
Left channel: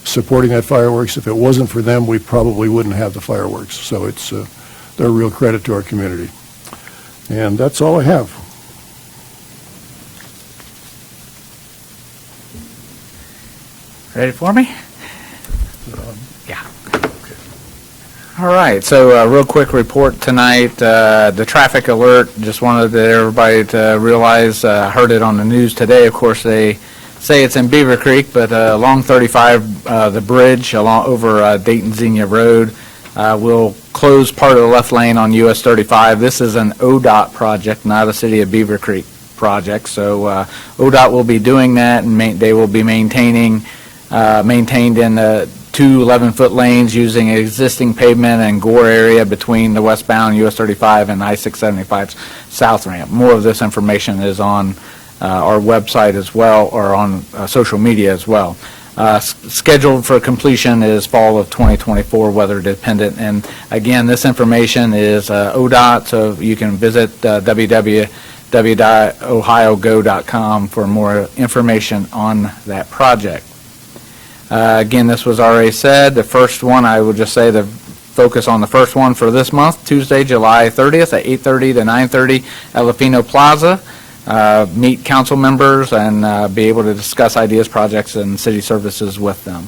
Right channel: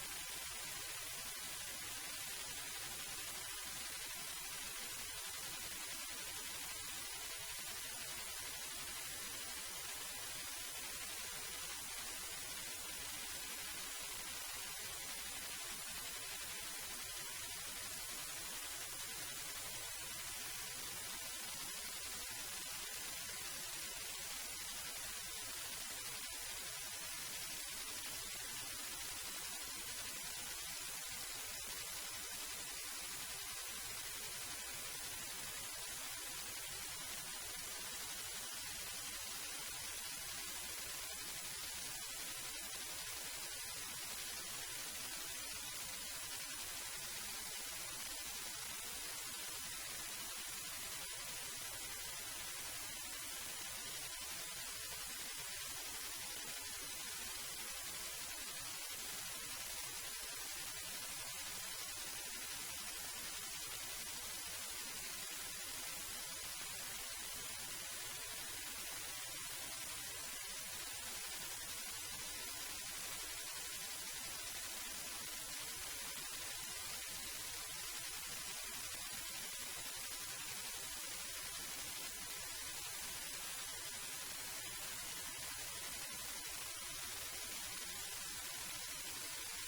supporting that fireworks. If it wasn't for them, we probably wouldn't have the fireworks. So they're a real credit to our community. And that's all I have. Ready for me? Yeah. All right, so a real quick report tonight. The traffic alert, just wanted everybody to realize, heard it on the news today. Of course, they say it's in Beavercreek, but along 35, the bridge along over Dayton Xenia Road will close part of the left lane on US 35. This is an ODOT project, not a City of Beavercreek project. So ODOT will be doing that, and they will be maintained in two 11-foot lanes using existing pavement and gore area between the westbound US 35 and I-675's south ramp. More of this information is on our website as well, or on social media as well. Scheduled for completion is fall of 2024, weather dependent. And again, this information is ODOT, so you can visit www.ohiogo.com for more information on that project. Again, this was already said. The first one, I would just say the focus on the first one for this month, Tuesday, July 30th at 8:30 to 9:30 at Lafino Plaza. Meet council members and be able to discuss ideas, projects, and city services with them.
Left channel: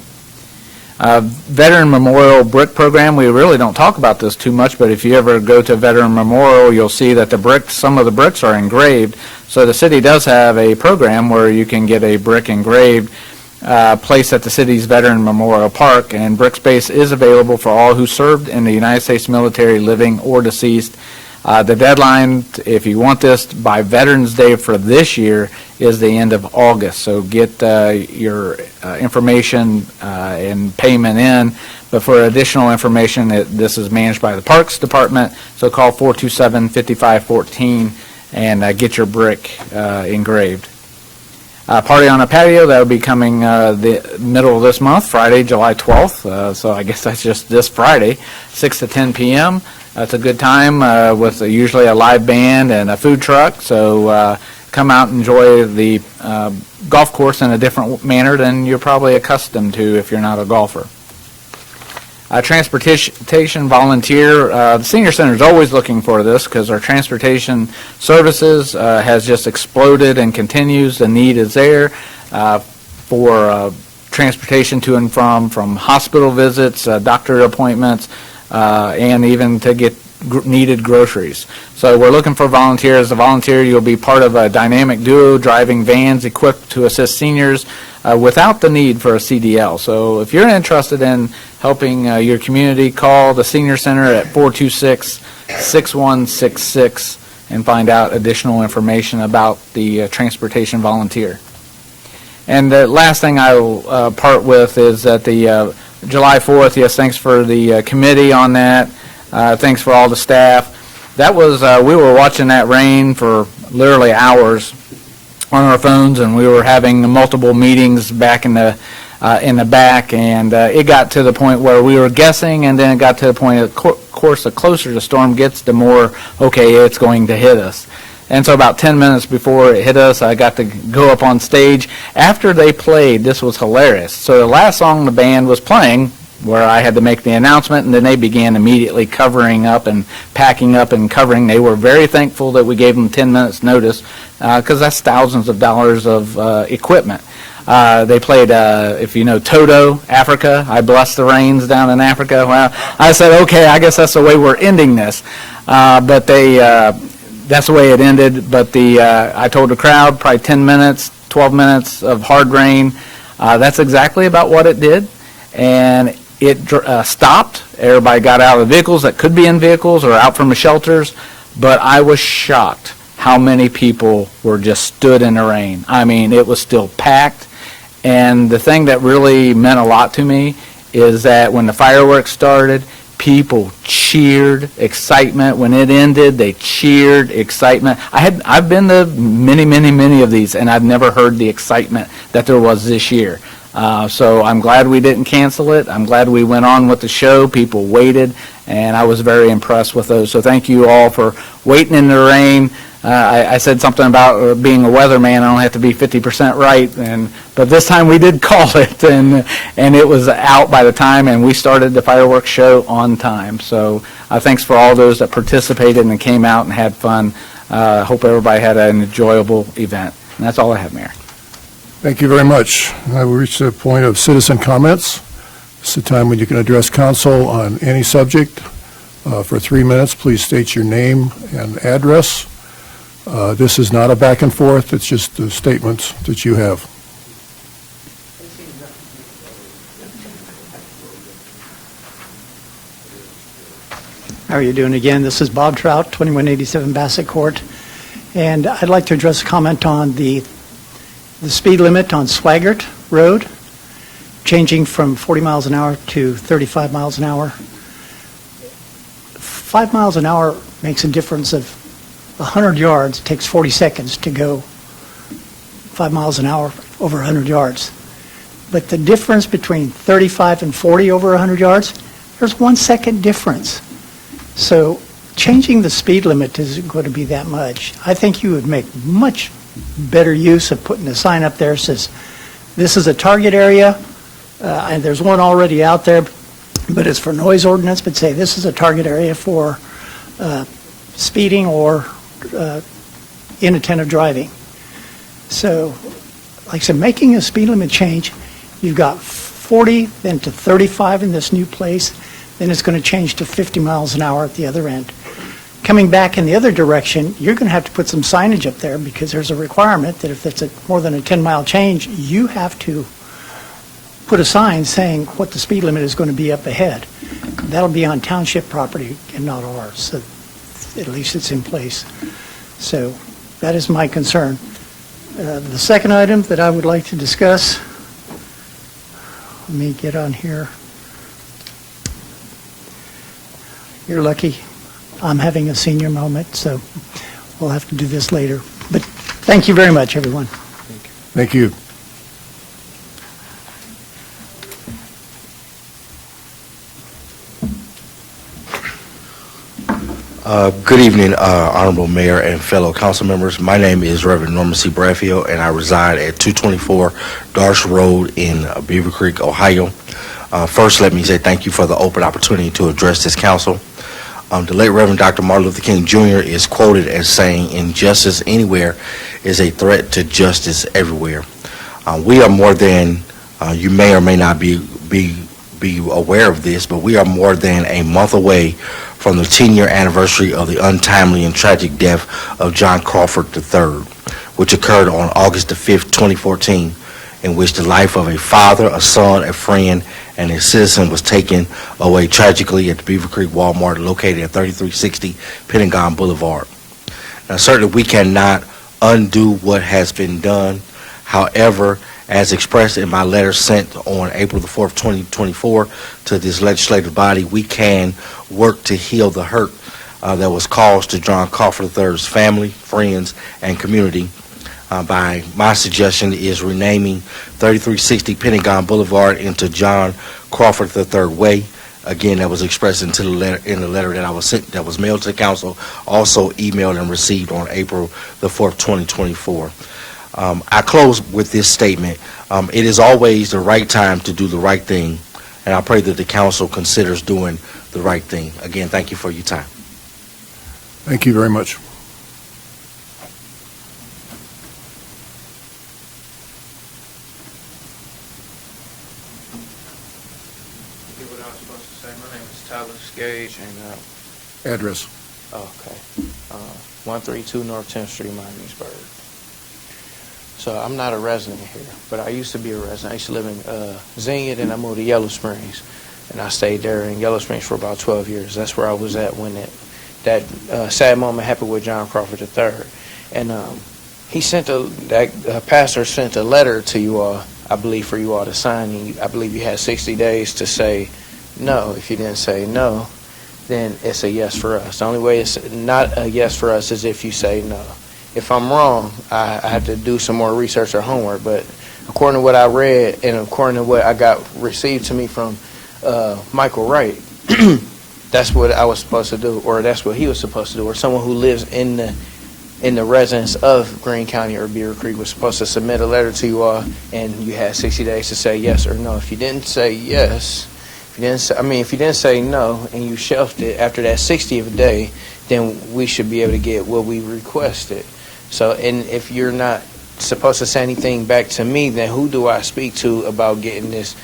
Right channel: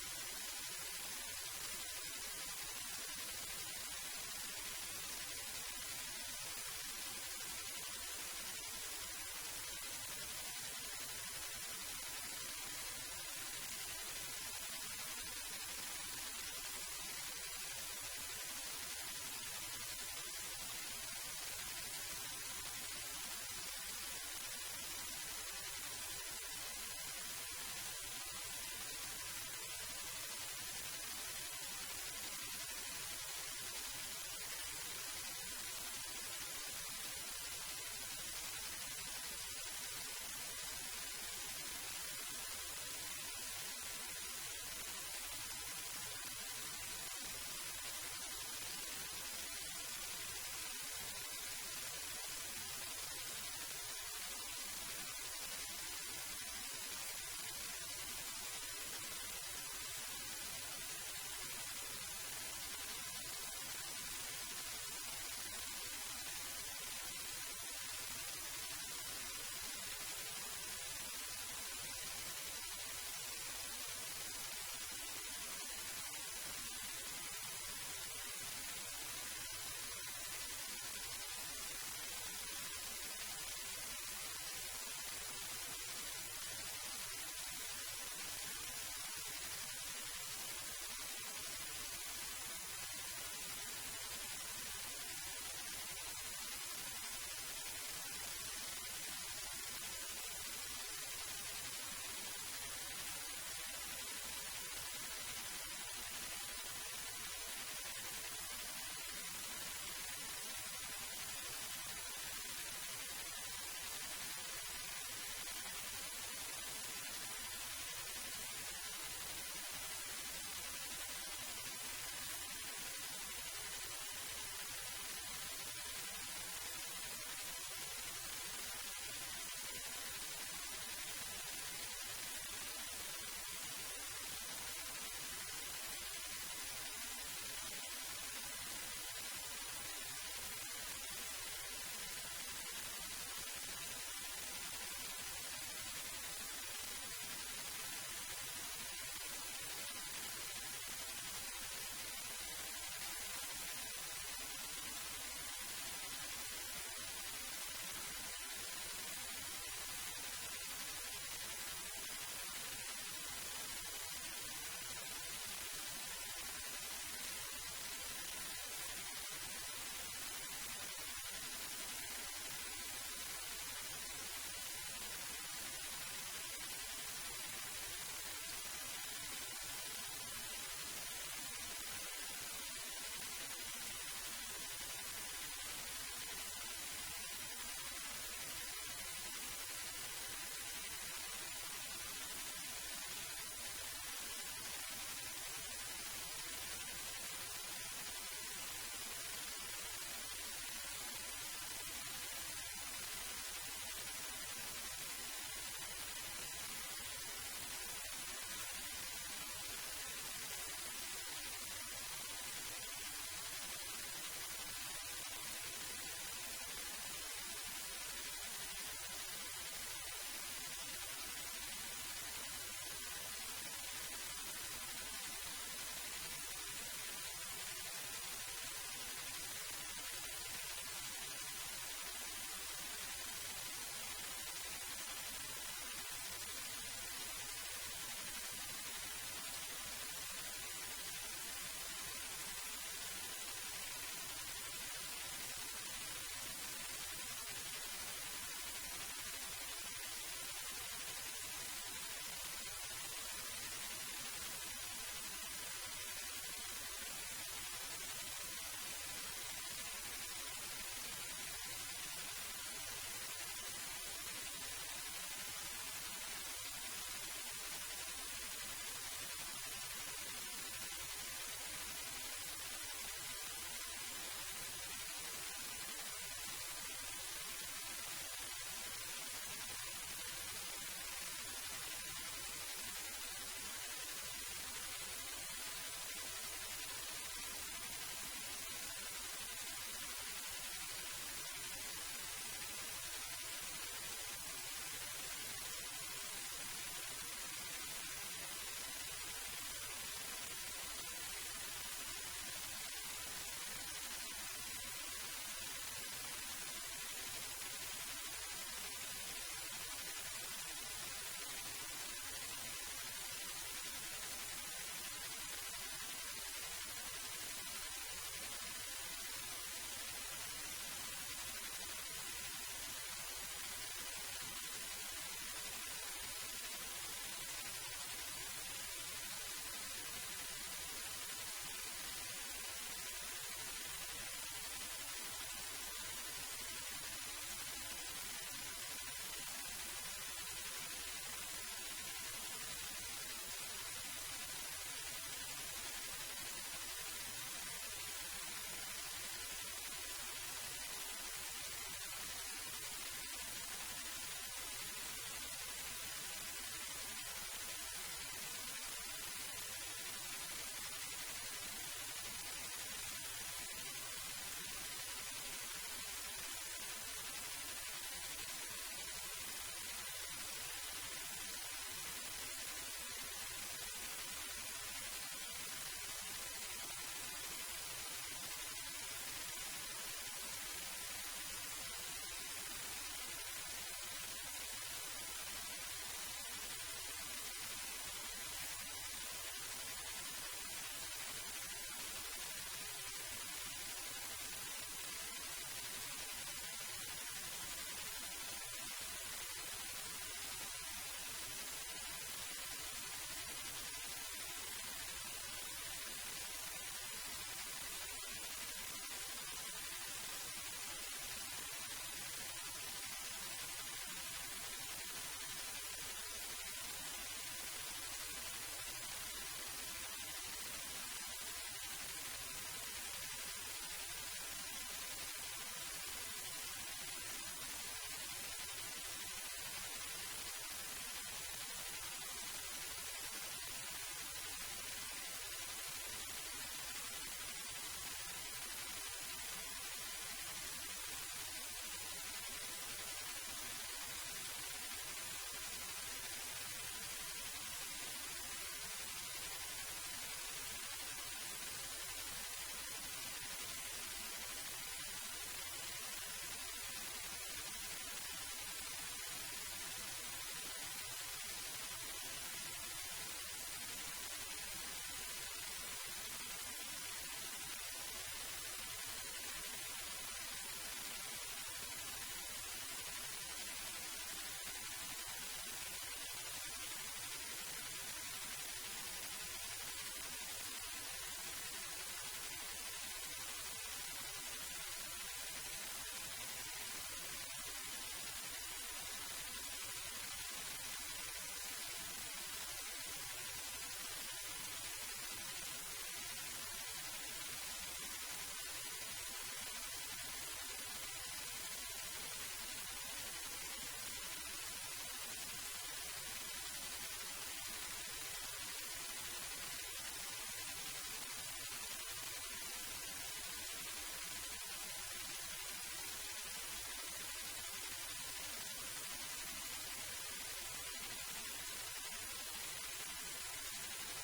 Veteran Memorial Brick Program, we really don't talk about this too much, but if you ever go to Veteran Memorial, you'll see that some of the bricks are engraved. So the city does have a program where you can get a brick engraved placed at the city's Veteran Memorial Park, and brick space is available for all who served in the United States military, living or deceased. The deadline, if you want this by Veterans Day for this year, is the end of August. So get your information and payment in. But for additional information, this is managed by the Parks Department. So call 427-5514 and get your brick engraved. Party on a Patio, that will be coming the middle of this month, Friday, July 12th. So I guess that's just this Friday, 6 to 10 p.m. It's a good time with usually a live band and a food truck. So come out and enjoy the golf course in a different manner than you're probably accustomed to if you're not a golfer. Transportation volunteer. The Senior Center is always looking for this because our transportation services has just exploded and continues. The need is there for transportation to and from hospital visits, doctor appointments, and even to get needed groceries. So we're looking for volunteers. As a volunteer, you'll be part of a dynamic duo driving vans equipped to assist seniors without the need for a CDL. So if you're interested in helping your community, call the Senior Center at 426-6166 and find out additional information about the transportation volunteer. And the last thing I will part with is that the July 4th, yes, thanks for the committee on that. Thanks for all the staff. That was, we were watching that rain for literally hours on our phones, and we were having multiple meetings back in the back, and it got to the point where we were guessing, and then it got to the point, of course, the closer the storm gets, the more, okay, it's going to hit us. And so about 10 minutes before it hit us, I got to go up on stage. After they played, this was hilarious. So the last song the band was playing, where I had to make the announcement, and then they began immediately covering up and packing up and covering. They were very thankful that we gave them 10 minutes notice, because that's thousands of dollars of equipment. They played, if you know Toto, Africa, I Bless the Rains down in Africa. Well, I said, okay, I guess that's the way we're ending this. But that's the way it ended. But I told the crowd, probably 10 minutes, 12 minutes of hard rain. That's exactly about what it did. And it stopped. Everybody got out of the vehicles that could be in vehicles or out from the shelters. But I was shocked how many people were just stood in the rain. I mean, it was still packed. And the thing that really meant a lot to me is that when the fireworks started, people cheered excitement. When it ended, they cheered excitement. I've been to many of these, and I've never heard the excitement that there was this year. So I'm glad we didn't cancel it. I'm glad we went on with the show. People waited, and I was very impressed with those. So thank you all for waiting in the rain. I said something about being a weatherman. I don't have to be 50% right, but this time we did call it, and it was out by the time, and we started the fireworks show on time. So thanks for all those that participated and came out and had fun. Hope everybody had an enjoyable event. And that's all I have, Mayor. Thank you very much. I will reach the point of citizen comments. It's the time when you can address council on any subject. For 3 minutes, please state your name and address. This is not a back and forth, it's just the statements that you have. How are you doing again? This is Bob Trout, 2187 Bassett Court. And I'd like to address a comment on the speed limit on Swaggart Road, changing from 40 miles an hour to 35 miles an hour. 5 miles an hour makes a difference of 100 yards. It takes 40 seconds to go 5 miles an hour over 100 yards. But the difference between 35 and 40 over 100 yards, there's 1 second difference. So changing the speed limit isn't going to be that much. I think you would make much better use of putting a sign up there that says, this is a target area, and there's one already out there, but it's for noise ordinance, but say this is a target area for speeding or inattentive driving. So, like I said, making a speed limit change, you've got 40, then to 35 in this new place, then it's going to change to 50 miles an hour at the other end. Coming back in the other direction, you're going to have to put some signage up there because there's a requirement that if it's more than a 10-mile change, you have to put a sign saying what the speed limit is going to be up ahead. That'll be on township property and not ours, so at least it's in place. So that is my concern. The second item that I would like to discuss, let me get on here. You're lucky I'm having a senior moment, so we'll have to do this later. But thank you very much, everyone. Thank you. Good evening, Honorable Mayor and fellow council members. My name is Reverend Norman C. Bradfield, and I reside at 224 Darsh Road in Beavercreek, Ohio. First, let me say thank you for the open opportunity to address this council. The late Reverend Dr. Martin Luther King Jr. is quoted as saying, "Injustice anywhere is a threat to justice everywhere." We are more than, you may or may not be aware of this, but we are more than a month away from the 10-year anniversary of the untimely and tragic death of John Crawford III, which occurred on August the 5th, 2014, in which the life of a father, a son, a friend, and a citizen was taken away tragically at the Beavercreek Walmart located at 3360 Pentagon Boulevard. Now, certainly we cannot undo what has been done. However, as expressed in my letter sent on April the 4th, 2024 to this legislative body, we can work to heal the hurt that was caused to John Crawford III's family, friends, and community. By my suggestion is renaming 3360 Pentagon Boulevard into John Crawford III Way. Again, that was expressed in the letter that I was sent, that was mailed to the council, also emailed and received on April the 4th, 2024. I close with this statement. It is always the right time to do the right thing, and I pray that the council considers doing the right thing. Again, thank you for your time. Thank you very much. What I was supposed to say, my name is Tyler Skage, and Address. okay, 132 North 10th Street, Miamisburg. So I'm not a resident here, but I used to be a resident. I used to live in Xenia, then I moved to Yellow Springs, and I stayed there in Yellow Springs for about 12 years. That's where I was at when that sad moment happened with John Crawford III. And he sent that pastor sent a letter to you all, I believe, for you all to sign. And I believe you had 60 days to say no. If you didn't say no, then it's a yes for us. The only way it's not a yes for us is if you say no. If I'm wrong, I have to do some more research or homework, but according to what I read and according to what I got received to me from Michael Wright, that's what I was supposed to do, or that's what he was supposed to do, or someone who lives in the residence of Greene County or Beavercreek was supposed to submit a letter to you all, and you had 60 days to say yes or no. If you didn't say yes, if you didn't say no, and you shelved it after that 60th day, then we should be able to get what we requested. So, and if you're not supposed to say anything back to me, then who do I speak to about getting this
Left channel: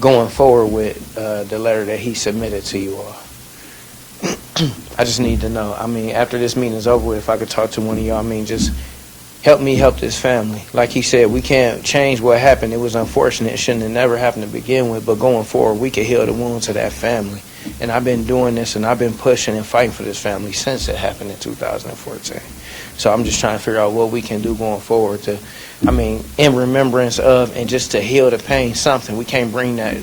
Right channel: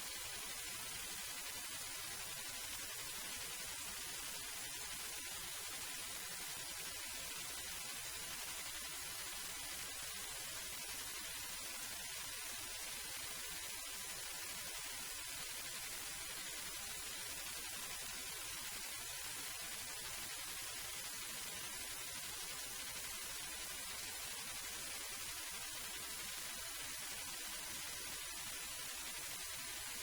going forward with the letter that he submitted to you all? I just need to know. I mean, after this meeting is over with, if I could talk to one of y'all, I mean, just help me help this family. Like he said, we can't change what happened. It was unfortunate. It shouldn't have never happened to begin with, but going forward, we can heal the wounds of that family. And I've been doing this, and I've been pushing and fighting for this family since it happened in 2014. So I'm just trying to figure out what we can do going forward to, I mean, in remembrance of and just to heal the pain, something. We can't bring that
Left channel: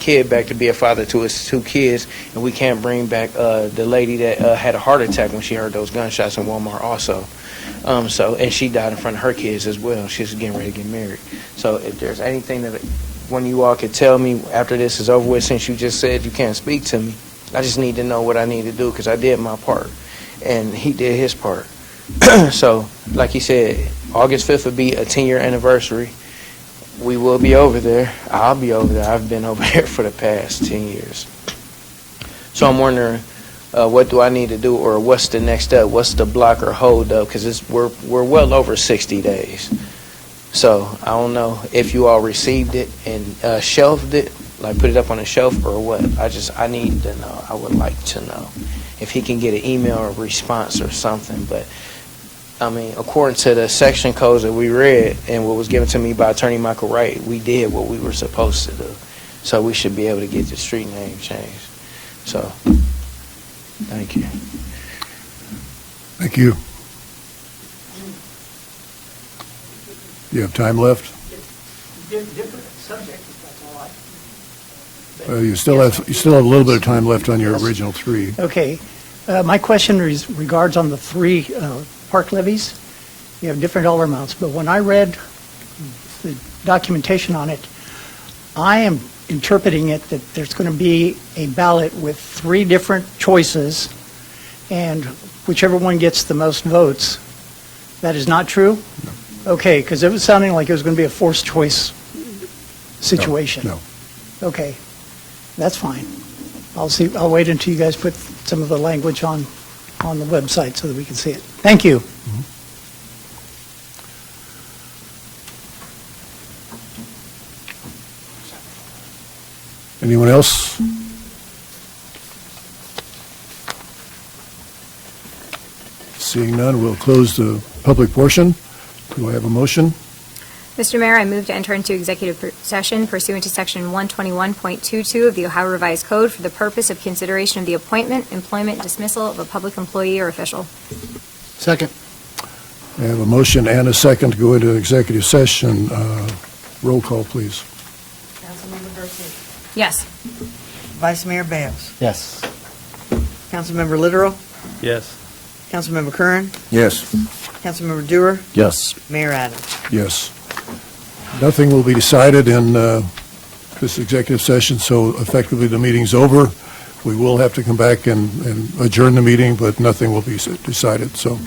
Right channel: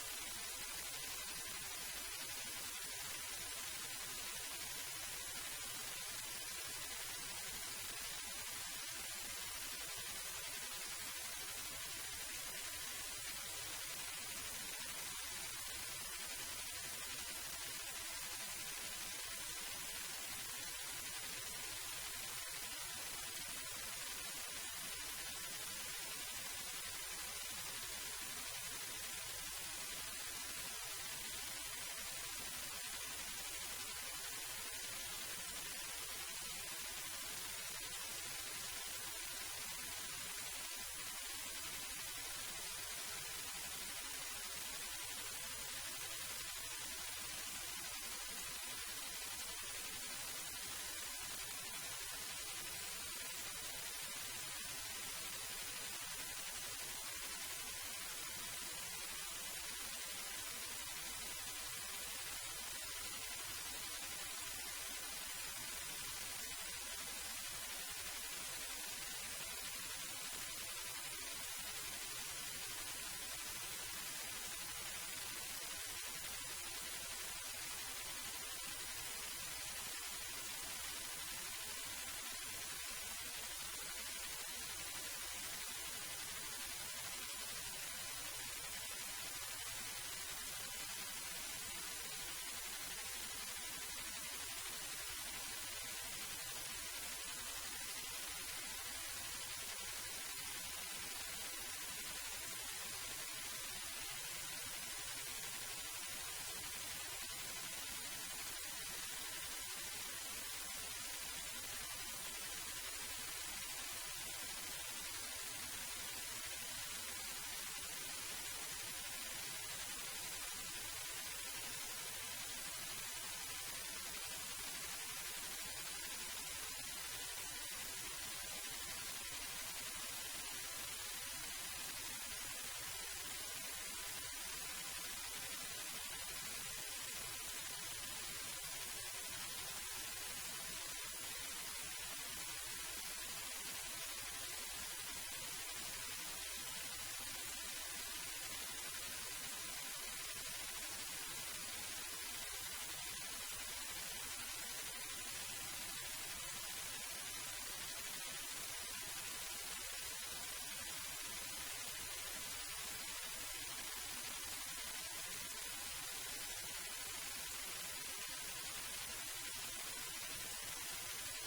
kid back to be a father to his 2 kids, and we can't bring back the lady that had a heart attack when she heard those gunshots in Walmart also. And she died in front of her kids as well. She's getting ready to get married. So if there's anything that one of you all could tell me after this is over with, since you just said you can't speak to me, I just need to know what I need to do because I did my part, and he did his part. So, like he said, August 5th would be a 10-year anniversary. We will be over there. I'll be over there. I've been over there for the past 10 years. So I'm wondering, what do I need to do, or what's the next step? What's the block or hold up? Because we're well over 60 days. So I don't know if you all received it and shelved it, like put it up on a shelf or what. I need to know. I would like to know if he can get an email or response or something. But I mean, according to the section codes that we read and what was given to me by Attorney Michael Wright, we did what we were supposed to do. So we should be able to get the street name changed. So, thank you. Thank you. Do you have time left? Different subject, if that's all right. You still have a little bit of time left on your original 3. Okay. My question regards on the 3 park levies. You have different dollar amounts, but when I read the documentation on it, I am interpreting it that there's going to be a ballot with 3 different choices, and whichever one gets the most votes. That is not true? No. Okay, because it was sounding like it was going to be a forced choice situation. No. Okay, that's fine. I'll wait until you guys put some of the language on the website so that we can see it. Thank you. Mm-hmm. Anyone else? Seeing none, we'll close the public portion. Do I have a motion? Mr. Mayor, I move to enter into executive session pursuant to Section 121.22 of the Ohio Revised Code for the purpose of consideration of the appointment, employment, dismissal of a public employee or official. Second. I have a motion and a second to go into executive session. Roll call, please. Councilmember Garcia. Yes. Vice Mayor Bales. Yes. Councilmember Literal. Yes. Councilmember Curran. Yes. Councilmember Dewar. Yes. Mayor Adams. Yes. Nothing will be decided in this executive session, so effectively the meeting's over. We will have to come back and adjourn the meeting, but nothing will be decided. So